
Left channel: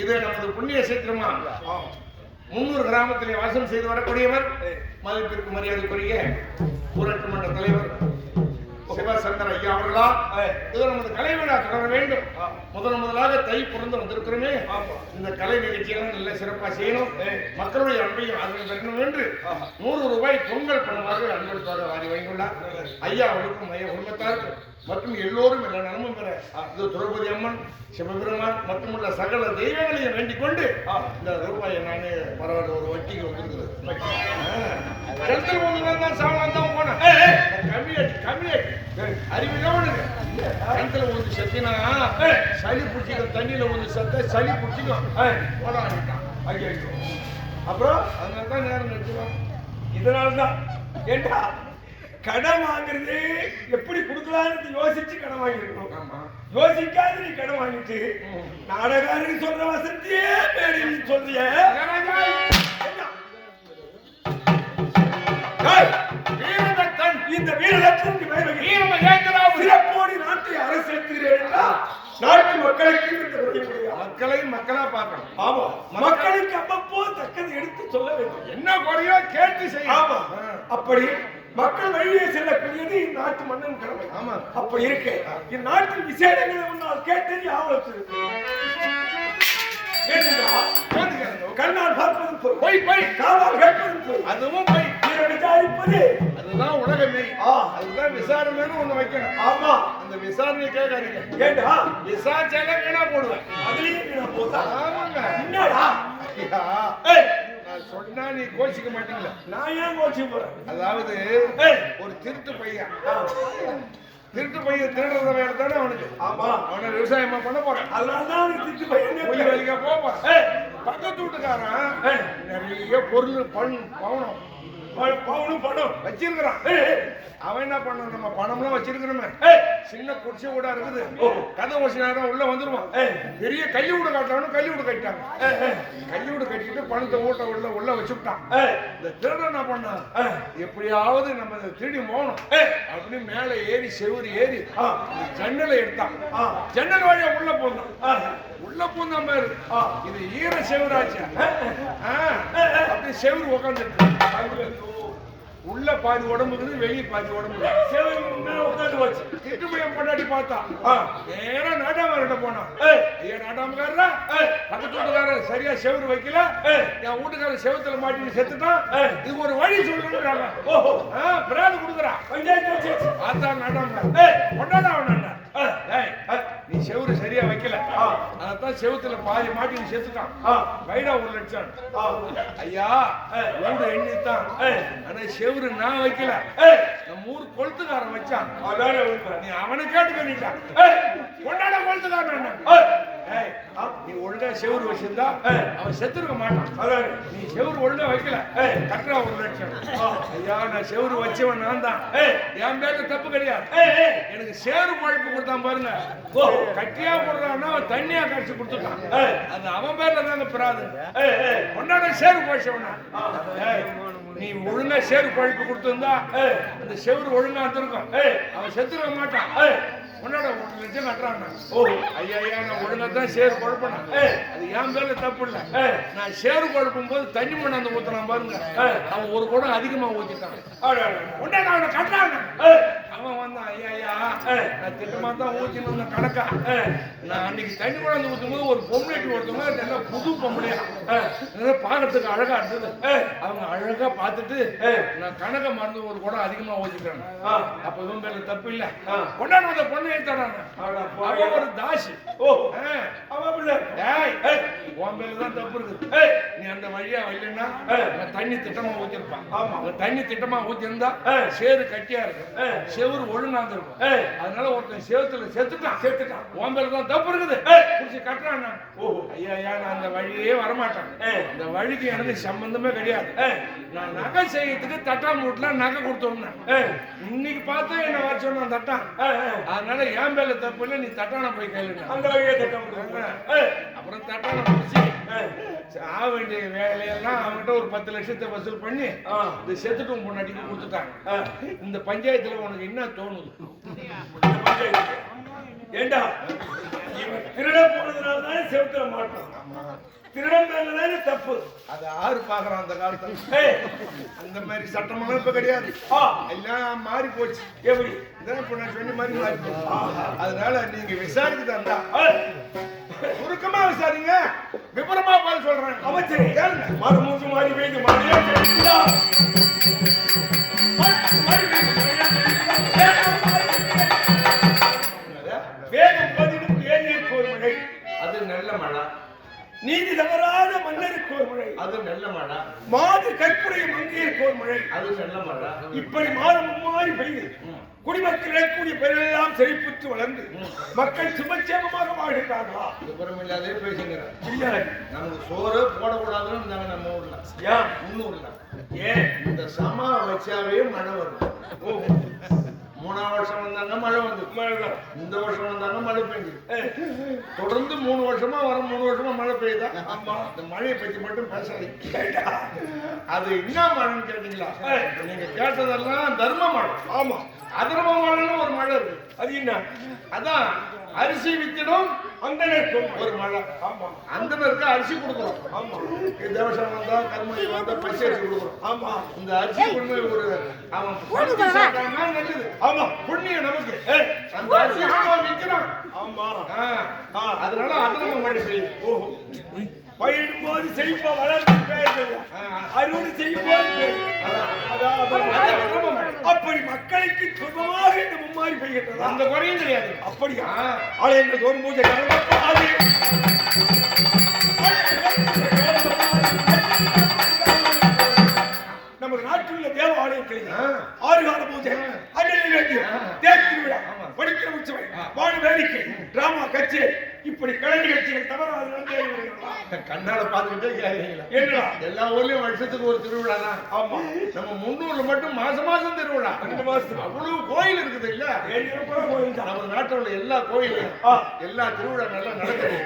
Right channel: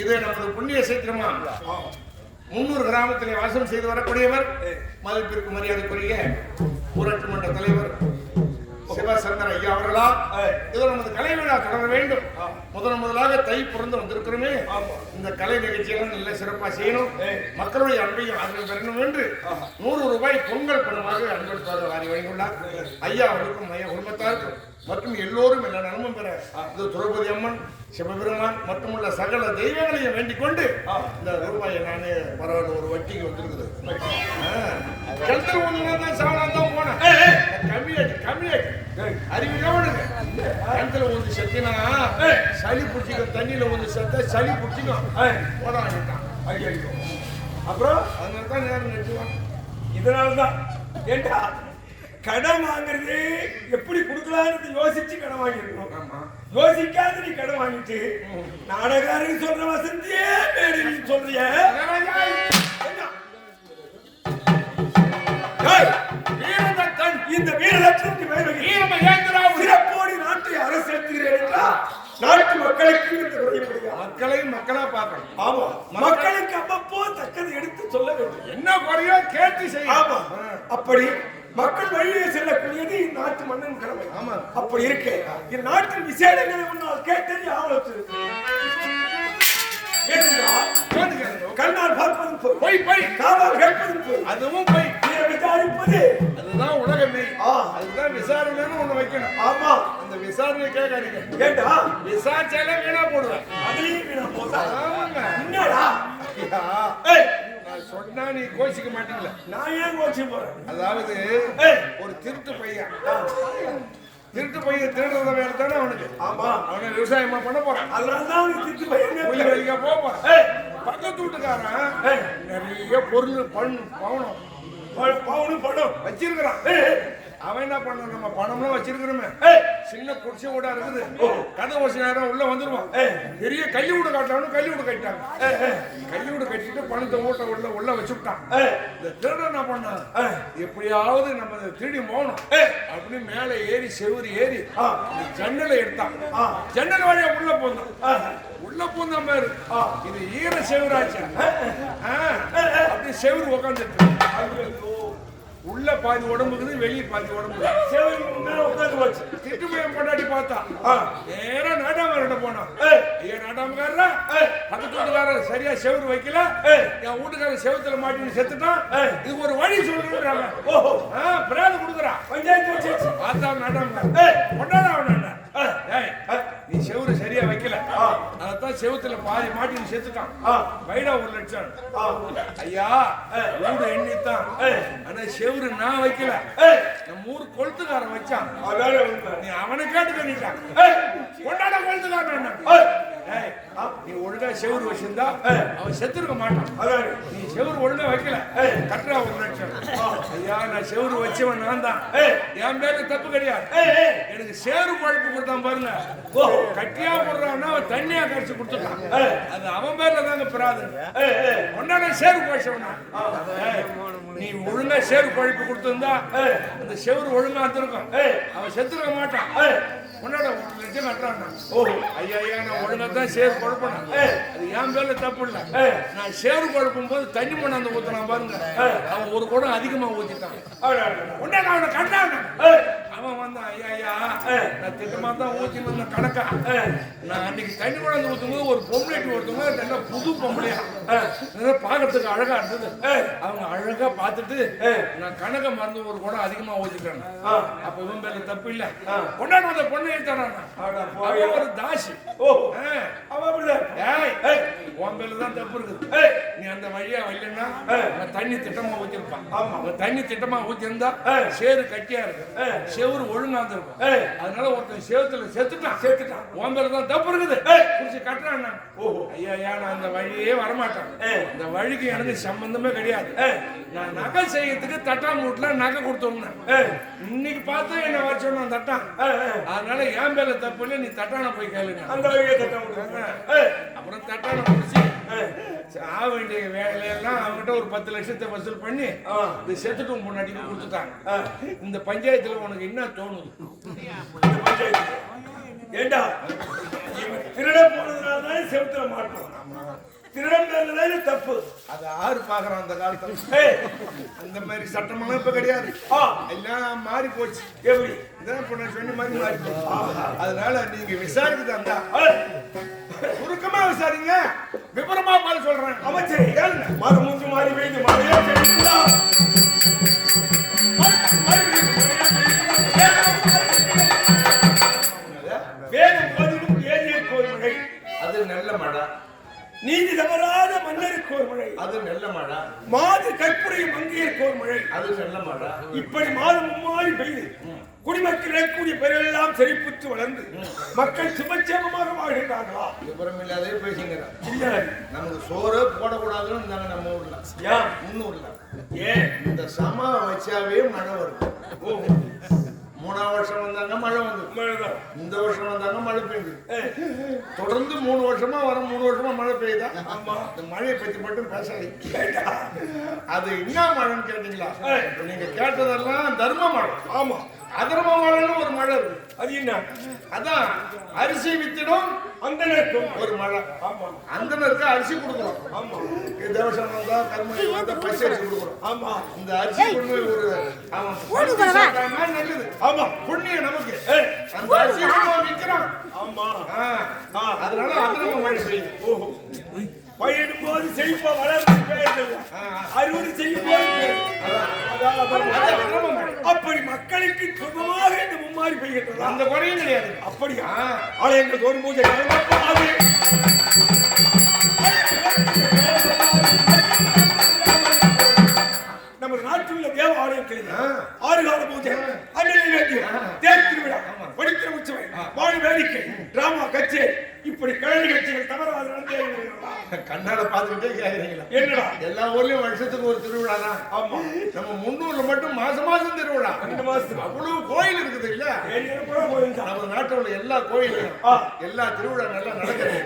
இது நமது புண்ணிய சேத்திரமா 300 கிராமத்திலே வாசம் செய்து வரக்கூடியவர், மதிப்பிற்கு மரியாதைக்குரிய ஊராட்சி மன்ற தலைவர் சிவசங்கர் ஐயா அவர்களால் இது நமது கலை விழா தொடர வேண்டும். முதலாக தை பிறந்து வந்திருக்கிறோமே, இந்த கலை நிகழ்ச்சியெல்லாம் நல்ல சிறப்பாக செய்யணும். மக்களுடைய அன்பையும் அன்பை பெறணும் என்று 100 ரூபாய் பொங்கல் பணமாக அன்பளிப்பாக வாரி வாங்கியுள்ளார். ஐயா அவர்களுக்கும் ஐயா குடும்பத்தாருக்கும் மற்றும் எல்லோரும் எல்லா நலமும் பெற இது திரௌபதி அம்மன், சிவபெருமான் மற்றும் உள்ள சகல தெய்வங்களையும் வேண்டிக் கொண்டு இந்த ரூபாயை நானே பரவாயில்ல ஒரு வட்டிக்கு வந்துருக்குது. கிணத்துல ஒன்று சாவலாம் தான் போனேன். கம்மியாட்டி அறிவு கவனுங்க. கிணத்துல ஒன்று செத்தினா சளி பிடிச்சிக்கும், தண்ணியில ஒன்று செத்த சளி பிடிச்சிக்கும் போடாட்டான். அப்புறம் அதனால தான் நேரம் நிறுத்துவான். இதனால்தான் ஏண்டா கடன் வாங்குறது எப்படி கொடுக்கலான்னு யோசிச்சு கடன் வாங்கிருக்கணும். யோசிக்காத நீ கடன் வாங்கிட்டு நாடகாரன் சொல்ற வசந்தியே மேடையில் சொல்றிய. இந்த வீரதத்திற்கு சிறப்போடி நாட்டை அரசேற்றுகிறேன். நாட்டு மக்களுக்கு இந்த குறைய மக்களையும் மக்களா பார்க்கணும். ஆமா, மக்களுக்கு அவ்வப்போது தக்கதை எடுத்து சொல்ல வேண்டும். என்ன குறையோ கேட்டு செய்ய. ஆமா, அப்படி மக்கள் வழியே செல்லக்கூடியது இந்நாட்டு மன்னன் கடமை. ஆமா, அப்படி இருக்கு இந்நாட்டின் விசேடங்களை முன்னால் கேட்டு ஆவலத்து கண்ணால் பார்ப்பதும் போய் போய் காதால் கேட்பதும் போய் அதுவும் போய் விசாரிப்பது அதுதான் உலகமே. அதுதான் விசாரணைன்னு ஒண்ணு வைக்கணும். ஆமா, அந்த விசாரணையை கேட்காதீங்க. ஏண்டா விசாரிச்சாலே வீணா போடுவேன். அதுலயும் வீணா போதா? ஆமாங்க. என்னடா நான் சொன்னா நீ கோச்சிக்க மாட்டீங்களா? நான் ஏன் கோச்சிக்க போறேன்? அதாவது ஒரு திருட்டு பையன் திருடுறத வேலை தானே அவனுக்கு. ஆமா, அவனை விவசாயமா பண்ண போறான். அதனாலதான் அவனுக்கு திருட்டு பையன் கூலி வேலைக்கா போக போறான். பக்கத்து வீட்டுக்காரன் நிறைய பொருள் பணம் வச்சிருக்கிறான். அவன் என்ன பண்ண, நம்ம பணம்லாம் வச்சிருக்கிறோமே, சின்ன குடிசை வீடா இருக்குது, கதை வசதி நேரம் உள்ள வந்துருவான். பெரிய கையை வீடு காட்டலாம்னு கையை வீடு கட்டிட்டாங்க. கையை வீடு கட்டிட்டு பணத்தை ஊட்ட உள்ள வச்சுட்டான். இந்த திருடன் என்ன பண்ணான், எப்படியாவது நம்ம திருடி போகணும் அப்படின்னு மேல ஏறி செவுறு ஏறி ஜன்னலை எடுத்தான். ஜன்னல் வழியா உள்ள போந்தான் பாரு. இது ஈர செவுராச்சு. அப்படி செவுரு உக்காந்துருக்கு. உள்ள பாதி உடம்புக்குது, வெளியே பாதி உடம்பு. திட்டுமையம் கொண்டாடி பார்த்தா நேரா நாட்டாம போனான். ஐயா நாட்டாமக்காரரா, பக்கத்து வீட்டுக்காரர் சரியா செவுரு வைக்கல, என் வீட்டுக்காரர் செவுத்துல மாட்டி செத்துட்டான், இதுக்கு ஒரு வழி சொல்லுன்றாங்க. பிராது கொடுக்குறா பார்த்தா நாட்டாமக்காரர் கொண்டாட அவன. நீ செவுரு சரியா வைக்கல, அதான் செவுத்துல பாதி மாட்டி செத்துட்டான். வைடா 1 லட்சம். ஐயா வீடு எண்ணித்தான், ஆனா செவுரு நான் வைக்கல, நம்ம ஊர் கொளுத்துக்காரன் வச்சான். நீ அவனை கேட்டு கணிட்டான். கொண்டாட கொளுத்துக்காரன் ஏய், நீ ஒழுங்கா செவுரு வச்சிருந்தா அவன் செத்துருக்க மாட்டான். அதான் நீ செவுரு ஒழுங்கா வைக்கல, கட்டுறா 1 லட்சம். ஐயா, நான் செவுரு வச்சவன் நான் தான். என் பேர்ல தப்பு கிடையாது. எனக்கு சேரு பழப்பு கொடுத்தான் பாருங்க. கட்டியா போடுறான்னா அவன் தண்ணியா கரைச்சு கொடுத்துட்டான். அது அவன் பேர்ல தாங்க பிராது. கொண்டாட சேரு போச்சவனா. நீ ஒழுங்கா சேரு பழப்பு கொடுத்திருந்தா அந்த செவுரு ஒழுங்கா வந்திருக்கும். அவன் செத்துருக்க மாட்டான். உன்னோட 1 லட்சம் கட்டுறான். ஐயா ஐயா, நான் ஒழுங்கா தான் சேரு குழப்பினேன். அது என் பேர்ல தப்பு இல்ல. நான் சேரு குழப்பும் போது தண்ணி மண்ணாந்து ஊத்தினான் பாருங்க. அவன் 1 குடம் அதிகமா ஊத்திட்டான். உடனே அவனை கட்டான். அவன் வந்தான். ஐயா ஐயா, நான் திட்டமா தான் ஊத்தின கணக்கா. நான் அன்னைக்கு தண்ணி மண்ணாந்து ஊத்தும் போது ஒரு பொம்பளைக்கு ஒருத்தவங்க நல்லா புது பொம்பளையா பாக்கிறதுக்கு அழகா இருந்தது. அவங்க அழகா பார்த்துட்டு நான் கணக்கை மறந்து 1 குடம் அதிகமா ஊத்திட்டேன். அப்ப இவன் பேர்ல தப்பு இல்ல. கொண்டாட அந்த பொண்ணு ஒரு தாசி. உன் பேர்ல தான் தப்பு இருக்குது. நீ அந்த வழியா வரலன்னா தண்ணி திட்டமா ஊத்திருப்பான். தண்ணி திட்டமா ஊத்திருந்தா சேரு கட்டியா இருக்கு, செவுரு ஒழுங்கா இருக்கும். அதனால ஒருத்தன் சேவத்துல செத்துட்டான். உன் பேர்ல தான் தப்பு இருக்குது. குடிச்சு கட்டுறான். ஐயா ஐயா, நான் அந்த வழியே வரமாட்டேன். இந்த வழிக்கு எனக்கு சம்பந்தமே கிடையாது. நான் நகை செய்யறதுக்கு தட்டா மூட்டுல நகை கொடுத்துருந்தேன். இன்னைக்கு பார்த்தா என்ன வர சொன்னான் தட்டான். அதனால என் பேர்ல தப்பு இல்லை. நீ தட்டான போய் கேளுங்க. அந்த வழியே தட்டான. அப்புறம் தட்டான முடிச்சு ஆக வேண்டிய வேலையெல்லாம் அவங்ககிட்ட ஒரு 10 லட்சத்தை வசூல் பண்ணி இந்த செத்துட்டும் பொண்ணாட்டிக்கு கொடுத்துட்டாங்க. இந்த பஞ்சாயத்துல உனக்கு என்ன தோணுது? இந்த பஞ்சாயத்து ஏண்டா திருட போனதுனால தான் செவுத்துல மாட்டோம். திருடன் தப்பு. அது ஆறு பாக்குறான் அந்த காலத்துல. அந்த மாதிரி சட்டமெல்லாம் இப்ப கிடையாது. எல்லாம் மாறி போச்சு. எப்படி இதான் இப்ப நான் சொன்ன மாதிரி மாறி போச்சு. அதனால நீங்க விசாரிக்க தந்தா சுருக்கமா விசாரிங்க, விபரமா பதில் சொல்றேன். அமைச்சர் ஏன் மரம் மூன்று மாறி வைத்து மழையே கிடைக்குதா? வேகம் பதிலும் ஏரிக்கு ஒரு மழை, அது நல்ல மழை. நீதி தவறாத மன்னருக்கு ஒரு மழை, அது நல்ல மழை. மாது கற்புடைய மங்கையருக்கு ஒரு மழை, அது நல்ல மழை. இப்படி மாதம் மாறி பெய்து குடிமக்கள் கூடிய பெயரெல்லாம் செழிப்புற்று வளர்ந்து மக்கள் சுபட்சேமமாக வாழ்கிறார்களா? விபரம் இல்லாதே பேசுகிறார். இல்ல, நமக்கு சோறு போடக்கூடாதுன்னு இருந்தாங்க நம்ம ஊர்ல. ஏன் முன்னூர்ல ஏன் இந்த சமா வச்சாவே மழை வரும். 3ஆம் வருஷம் வந்தாங்க மழை வந்து, இந்த வருஷம் வந்தாங்க மழை பெய்யுது. தொடர்ந்து 3 வருஷமா வரும். 3 வருஷமா மழை பெய்யுதா? ஆமா. இந்த மழையை பத்தி மட்டும் பேசாதீங்க. அது என்ன மழைன்னு கேட்டீங்களா? நீங்க கேட்டதெல்லாம் தர்ம மழை. ஆமா, அதர்ம மழைன்னு ஒரு மழை இருக்கு. அது என்ன? அதான் அரிசி வித்திடும் அந்தனருக்கும் ஒரு மழை. ஆமா, அந்தனருக்கு அரிசி கொடுக்கணும். ஆமா, தேவசம் வந்தா கருமணி வந்தா பச்சை அரிசி கொடுக்கணும். ஆமா, இந்த அரிசி கொண்டு ஒரு அவன் நல்லது. ஆமா, புண்ணியம் நமக்கு. அந்த அரிசி கொண்டு விற்கிறான். ஆமா, அதனால அதர்ம மழை பெய்யுது. ஓஹோ, பயிரிடும் போது செழிப்பா வளர்ந்து அறுவடை செய்யும் போது அப்படி மக்களுக்கு சுகமாக இந்த மும்மாறி பெய்கின்றது. அந்த குறையும் கிடையாது. அப்படியா? ஆலயங்கள் தோறும் பூஜை நமது நாட்டில் உள்ள தேவ ஆலயங்களில் 6 கால பூஜை, தேர் திருவிழா, படிக்கிற உற்சவை, வாழ வேடிக்கை, டிராமா, கச்சேரி, இப்படி கலை நிகழ்ச்சிகள் தவறாது நடந்தே வருகிறதா? கண்ணால பாத்துக்கிட்டே கேக்குறீங்களா? என்னடா, எல்லா ஊர்லயும் வருஷத்துக்கு ஒரு திருவிழா தான். ஆமா, நம்ம 300 மட்டும் மாசம் திருவிழா. 2 மாசத்துக்கு அவ்வளவு கோயில் இருக்குது இல்ல? நம்ம நாட்டில் உள்ள எல்லா கோயிலும் எல்லா திருவிழா நல்லா நடக்குது.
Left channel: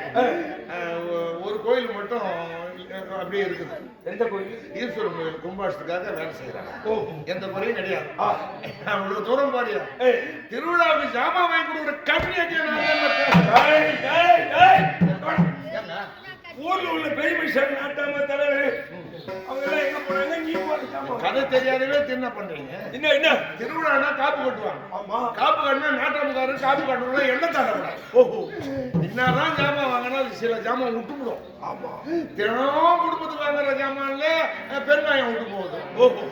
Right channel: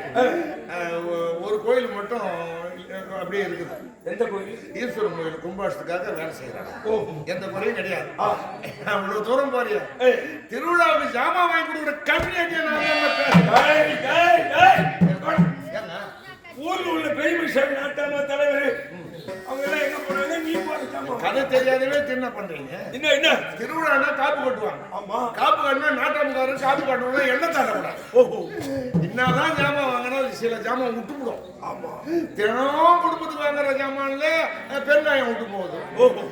ஒரு கோயில் மட்டும் அப்படியே இருக்குது. எந்த கோயில்? ஈஸ்வரன் கோயில் கும்பாஷத்துக்காக வேலை செய்யறாங்க. எந்த குறையும் கிடையாது. அவ்வளவு தூரம் பாரியா திருவிழாவுக்கு ஜாமான் வாங்கி கொடுக்குற கம்யூனிட்டி ஊர்ல உள்ள பெரிய மனுஷன் நாட்டாம தலைவர் அவங்க எல்லாம் எங்க போனாங்க? நீ போறாங்க. கதை தெரியாதவே என்ன பண்றீங்க? என்ன திருவிழானா காப்பு கட்டுவாங்க. ஆமா, காப்பு கட்டினா நாட்டாமக்காரர் காப்பு கட்டணும், எண்ணெய் தாண்டக்கூடாது. ஓஹோ, என்னதான் ஜாமான் வாங்கினா சில ஜாமான் விட்டு போடும். ஆமா, தினம் குடும்பத்துக்கு வாங்குற ஜாமான்ல பெருங்காயம் விட்டு போகுது. ஓஹோ,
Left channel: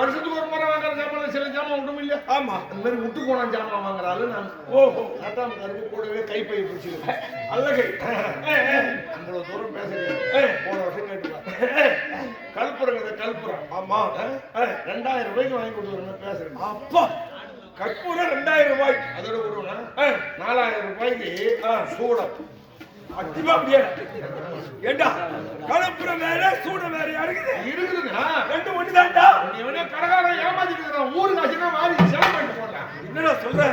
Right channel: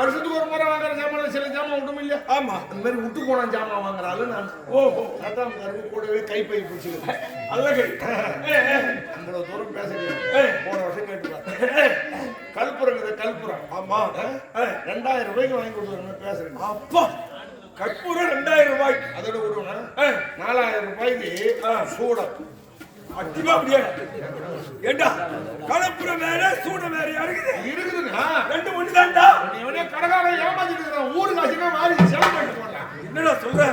வருஷத்துக்கு ஒரு முறை வாங்குற ஜாமான்ல சில ஜாமான் விட்டும் இல்லையா? ஆமா, அந்த மாதிரி விட்டு போன ஜாமான் வாங்குறாள் நான். ஓஹோ, நாட்டாமக்காரருக்கு கூடவே கைப்பை பிடிச்சிருக்கேன். அல்லகை அவ்வளவு தூரம் பேசுறேன். போன வருஷம் கேட்டுப்பாரு கல்புரங்கிறது கல்புரம். ஆமா, 2000 ரூபாய்க்கு வாங்கி கொடுத்துருங்க பேசுறேன். அப்பா, கற்பூரம் 2000 ரூபாய். அதோட ஒரு 4000 ரூபாய்க்கு சூடம். அத்திமா முடியாது. ஏண்டா கலப்புறம் வேற சூட வேற இருக்குது. இருக்குதுங்க. ரெண்டு ஒண்ணுதான்டா. இவனே கடைக்காரன் ஏமாத்திட்டு இருக்கிறான். ஊருக்கு ஆச்சுன்னா மாறி செலவு பண்ணிட்டு போட்டான். என்னடா சொல்ற?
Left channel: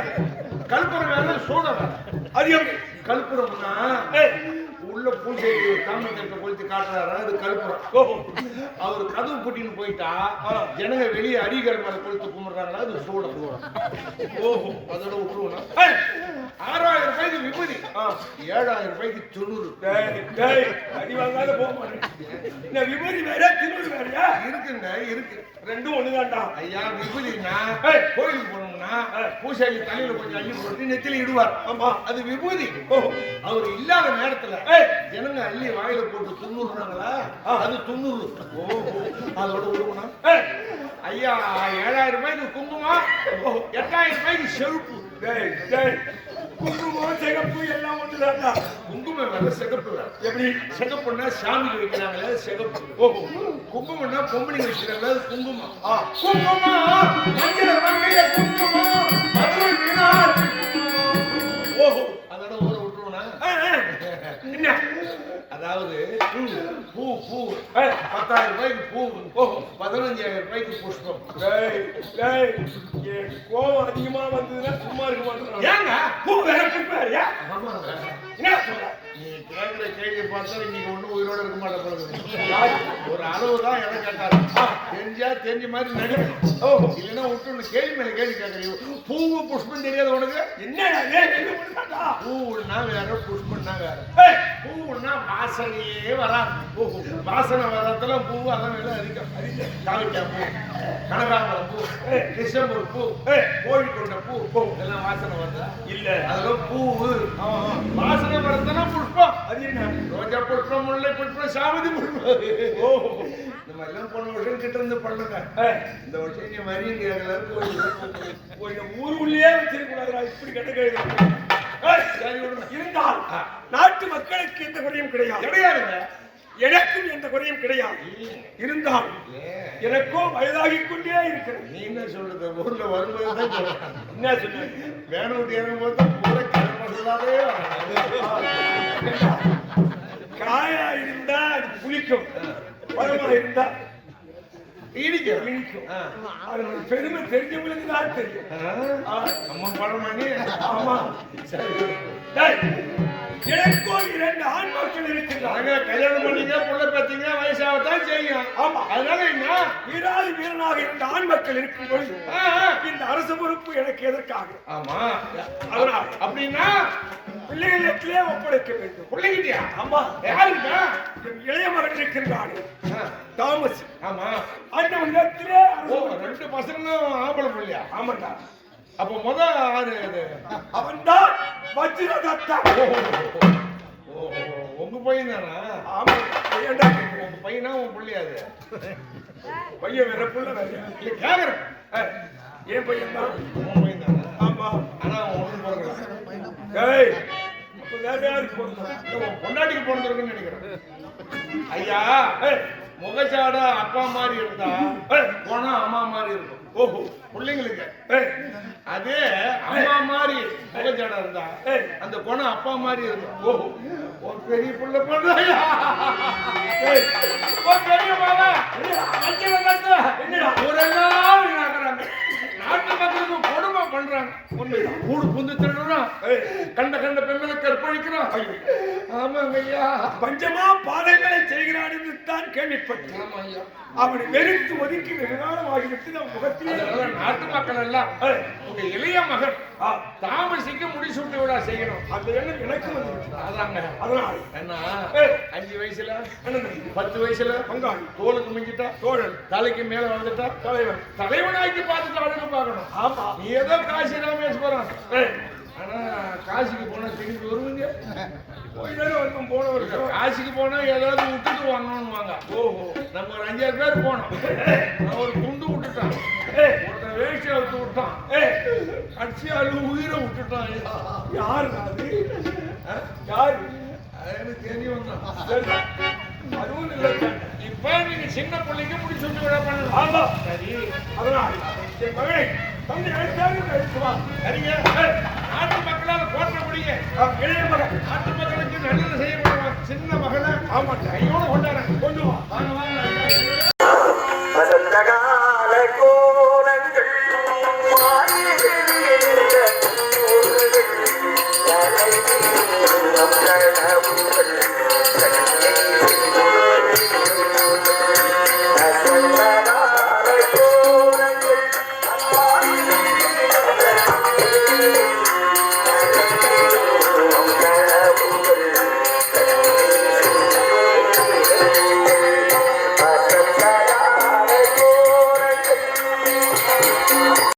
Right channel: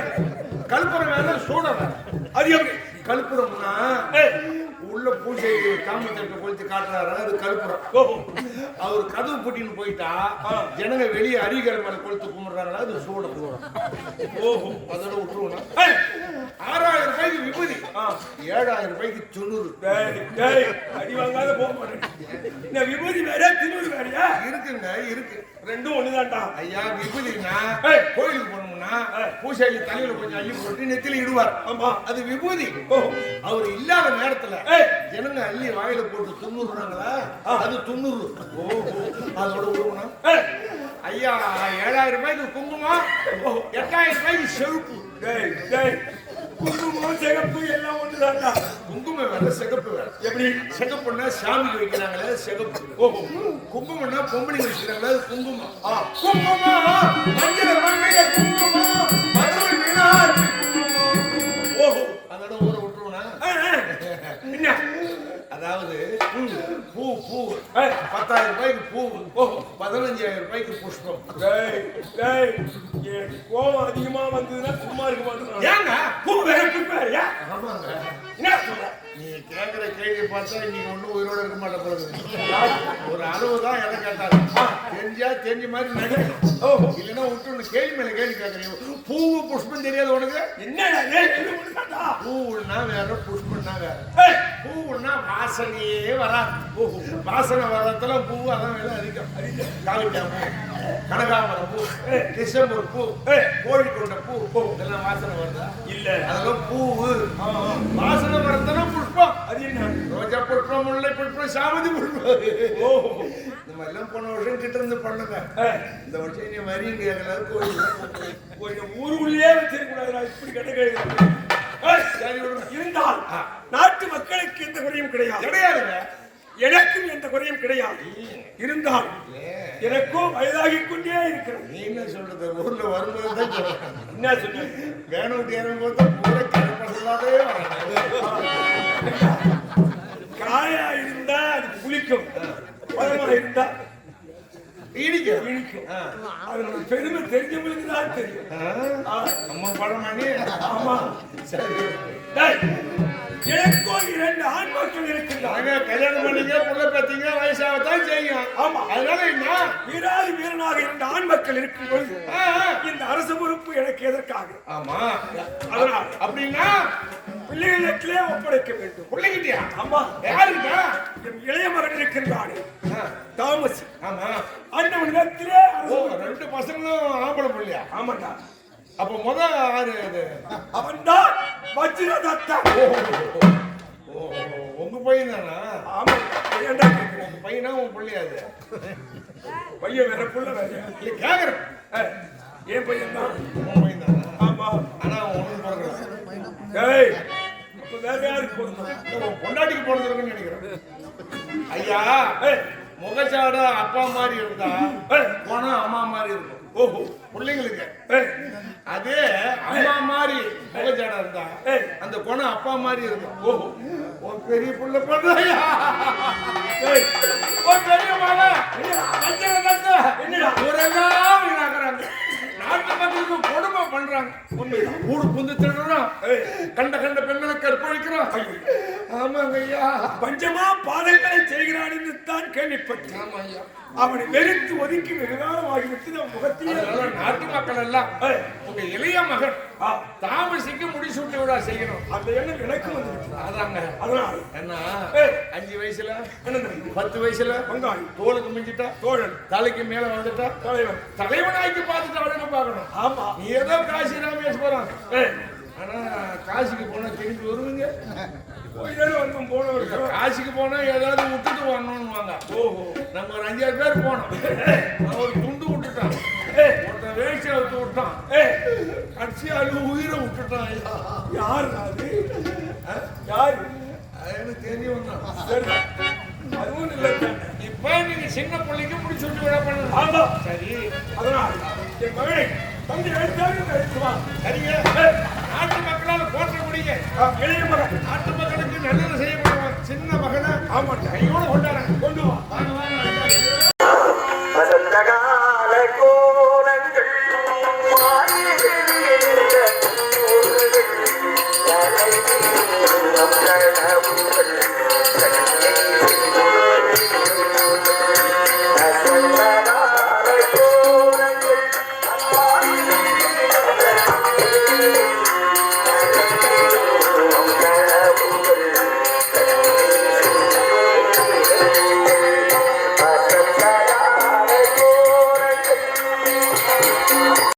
கல்புரம் வேலை சூட வேலை. அது எப்படி? கல்புரம்னா உள்ள பூஜை தாமரத்தை கொளுத்தி காட்டுறாரு, அது கல்புரம். அவர் கதவு பூட்டின்னு போயிட்டா ஜனங்க வெளியே அடிகள் மேல கொளுத்து கும்பிடுறாங்களா, அது சூட கும்பிடுறோம். ஓஹோ, அதோட விட்டுருவோம். 6000 ரூபாய்க்கு விபூதி, 7000 ரூபாய்க்கு துணூறு. அடி வாங்காத போக மாட்டேன். இந்த விபூதி வேற திணூறு வேறையா? இருக்குங்க, இருக்கு. ரெண்டும் ஒண்ணுதான்டா. ஐயா, விபூதினா கோயிலுக்கு போனோம்னா பூசாரி தலையில கொஞ்சம் அள்ளி போட்டு நெத்தில இடுவார். ஆமா, அது விபூதி. அவர் இல்லாத நேரத்துல ஜனங்க அள்ளி வாயில போட்டு துண்ணுறாங்களா, அது துண்ணூறு. அதோட உருவனா ஐயா 7000 ரூபாய்க்கு குங்குமம், 8000 ரூபாய்க்கு செருப்பு. குங்குமம் சிகப்பு எல்லாம் ஒண்ணுதான்டா. குங்குமம் வேற சிகப்பு வேற. எப்படி? சிகப்புன்னா சாமிக்கு வைக்கிறாங்களே சிகப்பு. ஓஹோ, குங்குமம்னா பொம்பளைங்க வச்சுக்கிறாங்களே, அது குங்குமம். குங்குமம் மஞ்சள் மங்கைய குங்குமம் மதுரை மீனாட்சி. ஓஹோ, அதோட ஊரை விட்டுருவோனா? என்ன? அதாவது பூ பூ 10,000 ரூபாய்க்கு பூ, 15,000 ரூபாய்க்கு புஷ்பம். கோவம் அதிகமா வந்ததுன்னா சும்மா இருக்க மாட்டேன். ஏங்க பூ வேற புஷ்பம் வேறையா? ஆமாங்க. என்ன சொல்ற? நீ கேட்கிற கேள்வியை பார்த்தா இன்னைக்கு ஒன்றும் உயிரோட இருக்க மாட்டேன் போல. ஒரு அளவு தான் எதை கேட்டாரு. தெரிஞ்சா தெரிஞ்ச மாதிரி நடிக்கணும். இல்லைன்னா விட்டு கேள்வி மேல கேள்வி கேட்கறீங்க. பூவு புஷ்பம் தெரியாது உனக்கு? என்ன பூவுன்னா வேற புஷ்பம்னா வேற. பூவுன்னா வாசனையே வராது. வாசனை வர்றதுல பூ அதான் வேலை அதிகம். காவிக்காய் பூ, கனகாம்பரம் பூ, டிசம்பர் பூ, கோழிக்கொண்ட பூ, இதெல்லாம் வாசனை வருதா? இல்ல. அதெல்லாம் பூவு. வாசனை வரதுனா புஷ்பம். அது என்ன? ரோஜா புஷ்பம், முல்லை புஷ்பம், சாமந்தி புஷ்பம். இந்த மாதிரிலாம் போன வருஷம் கிட்ட இருந்து பண்ணுங்க. இந்த வருஷம் நீ வரீங்க கொஞ்சம் ஊருக்குள்ளேயே வச்சிருக்க கூடாதுடா. இப்படி கிடைக்கிறது இருந்தால் நாட்டு மக்களுக்கு எந்த குறையும் கிடையாதுங்க. எனக்கும் எந்த குறையும் கிடையாது. இருந்தால் எனக்கோ வயதாகிக் கொண்டே இருக்கிறது. நீ என்ன சொல்றது? ஊர்ல வரும்போது தான் சொல்றேன். என்ன சொன்ன? வேணும் விட்டு இறங்கும்போது தான் பூரா கிளம்ப சொல்லாதே. காயா இருந்தா அது புளிக்கும், பழமா இருந்தா இனிக்கும். இனிக்கும். அதனோட பெருமை தெரிஞ்சவங்களுக்கு தான் தெரியும். அம்மா பழம் பண்ணி. ஆமா, சரி. எனக்கோ 2 ஆண் மக்கள் இருக்கின்றாங்க. கல்யாணம் பண்ணீங்க, புள்ள பார்த்தீங்க, வயசாகத்தான் செய்யும். ஆமா, அதனால என்ன? வீராதி வீரனாக 2 ஆண் மக்கள் இருக்கும் பொழுது இந்த அரசு பொறுப்பு எனக்கு எதற்காக? ஆமா, அதனால் அப்படின்னா பிள்ளைகளிடத்திலே ஒப்படைக்க வேண்டும். பிள்ளைகிட்டியா? ஆமா. யாருக்கா? என் இளைய மகன் இருக்கின்றானே தாமஸ். ஆமா, அண்ணவனிடத்திலே 2 பசங்களும் ஆம்பளை பிள்ளையா? ஆமாண்டா. அப்ப முத ஆறு அவன்தான் வஜ்ரதத்தா. உங்க பையன் தானா? ஆமாண்டா. ஏன்டா கேக்குற? உங்க பையனா உன் பிள்ளையாது? பையன் வேற புள்ள வேறயா? இல்ல கேக்குறேன். என் பையன் தான். உன் பையன் தானா? ஆமா. ஆனா உனக்கு பிறகு அப்ப வேற யாருக்கு பிறந்தோம்? பொண்டாட்டிக்கு பிறந்திருக்குன்னு நினைக்கிறேன். ஐயா, முகச்சாட அப்பா மாதிரி இருந்தா போனா அம்மா மாதிரி இருக்கும். ஓஹோ, பிள்ளைங்களுக்கு அதே அம்மா மாதிரி முகச்சாடா இருந்தா அந்த குணம் அப்பா மாதிரி இருக்கும். ஓஹோ, ஒரு பெரிய புள்ள பண்றாயா? பெரிய மாமா என்னடா ஊரெல்லாம் வீணாக்குறாங்க. நாட்டு மக்களுக்கு கொடுமை பண்றாங்க. உண்மைதான். ஊடு புந்து திருடுறோம், கண்ட கண்ட பெண்களை கற்பழிக்கிறோம். ஆமாங்க ஐயா, பஞ்சமா பாதங்களை செய்கிறான் என்று தான் கேள்விப்பட்டேன். ஆமா ஐயா, அவனை வெறுத்து ஒதுக்கி வெகுகாலம் ஆகிவிட்டு நம் முகத்திலே நாட்டு மக்கள் எல்லாம் உங்க இளைய மகன் தாமசிக்கு முடிசூட்டு விழா செய்யணும். அந்த எண்ணம் எனக்கு வந்து விட்டது. அதாங்க. அதனால் என்ன 5 வயசுல 10 வயசுல பங்காளி தோளுக்கு மிஞ்சிட்டா தோழன் தலைக்கு மேல வந்துட்டா தலைவன் தலைவனாக்கி பார்த்துட்டு அவனுக்கு பார்க்கணும். ஆமா, நீ ஏதோ காசி ராமேஸ்வரம். ஆனா காசிக்கு போனா திரும்பி வருவீங்க. வந்து போனவர்கள் காசிக்கு போனா ஏதாவது விட்டுட்டு வரணும்னுவாங்க. ஓஹோ, நம்ம ஒரு 5-6 பேர் போனோம். நான் ஒரு துண்டு விட்டுட்டான், ஒருத்தன் வேஷ்டியை விட்டு விட்டான், கட்சி அழு உயிரை விட்டுட்டான். யாரு அது? யாரு? எனக்கு தெரிஞ்சு வந்தான். சரி, அதுவும் இல்லை. இப்ப நீங்க சின்ன பிள்ளைக்கு முடிச்சுட்டு விட பண்ணலாம். ஆமா, சரி. அதனால் என் மகனை தம்பி எழுத்தாரு எழுத்துவான். சரிங்க, நாட்டு மக்களால் போற்றக்கூடிய இளைய மகன் நாட்டு மக்களுக்கு நல்லது செய்யக்கூடிய ஒரு சின்ன மகனை ஆமாட்டா கையோடு கொண்டாடுறேன்.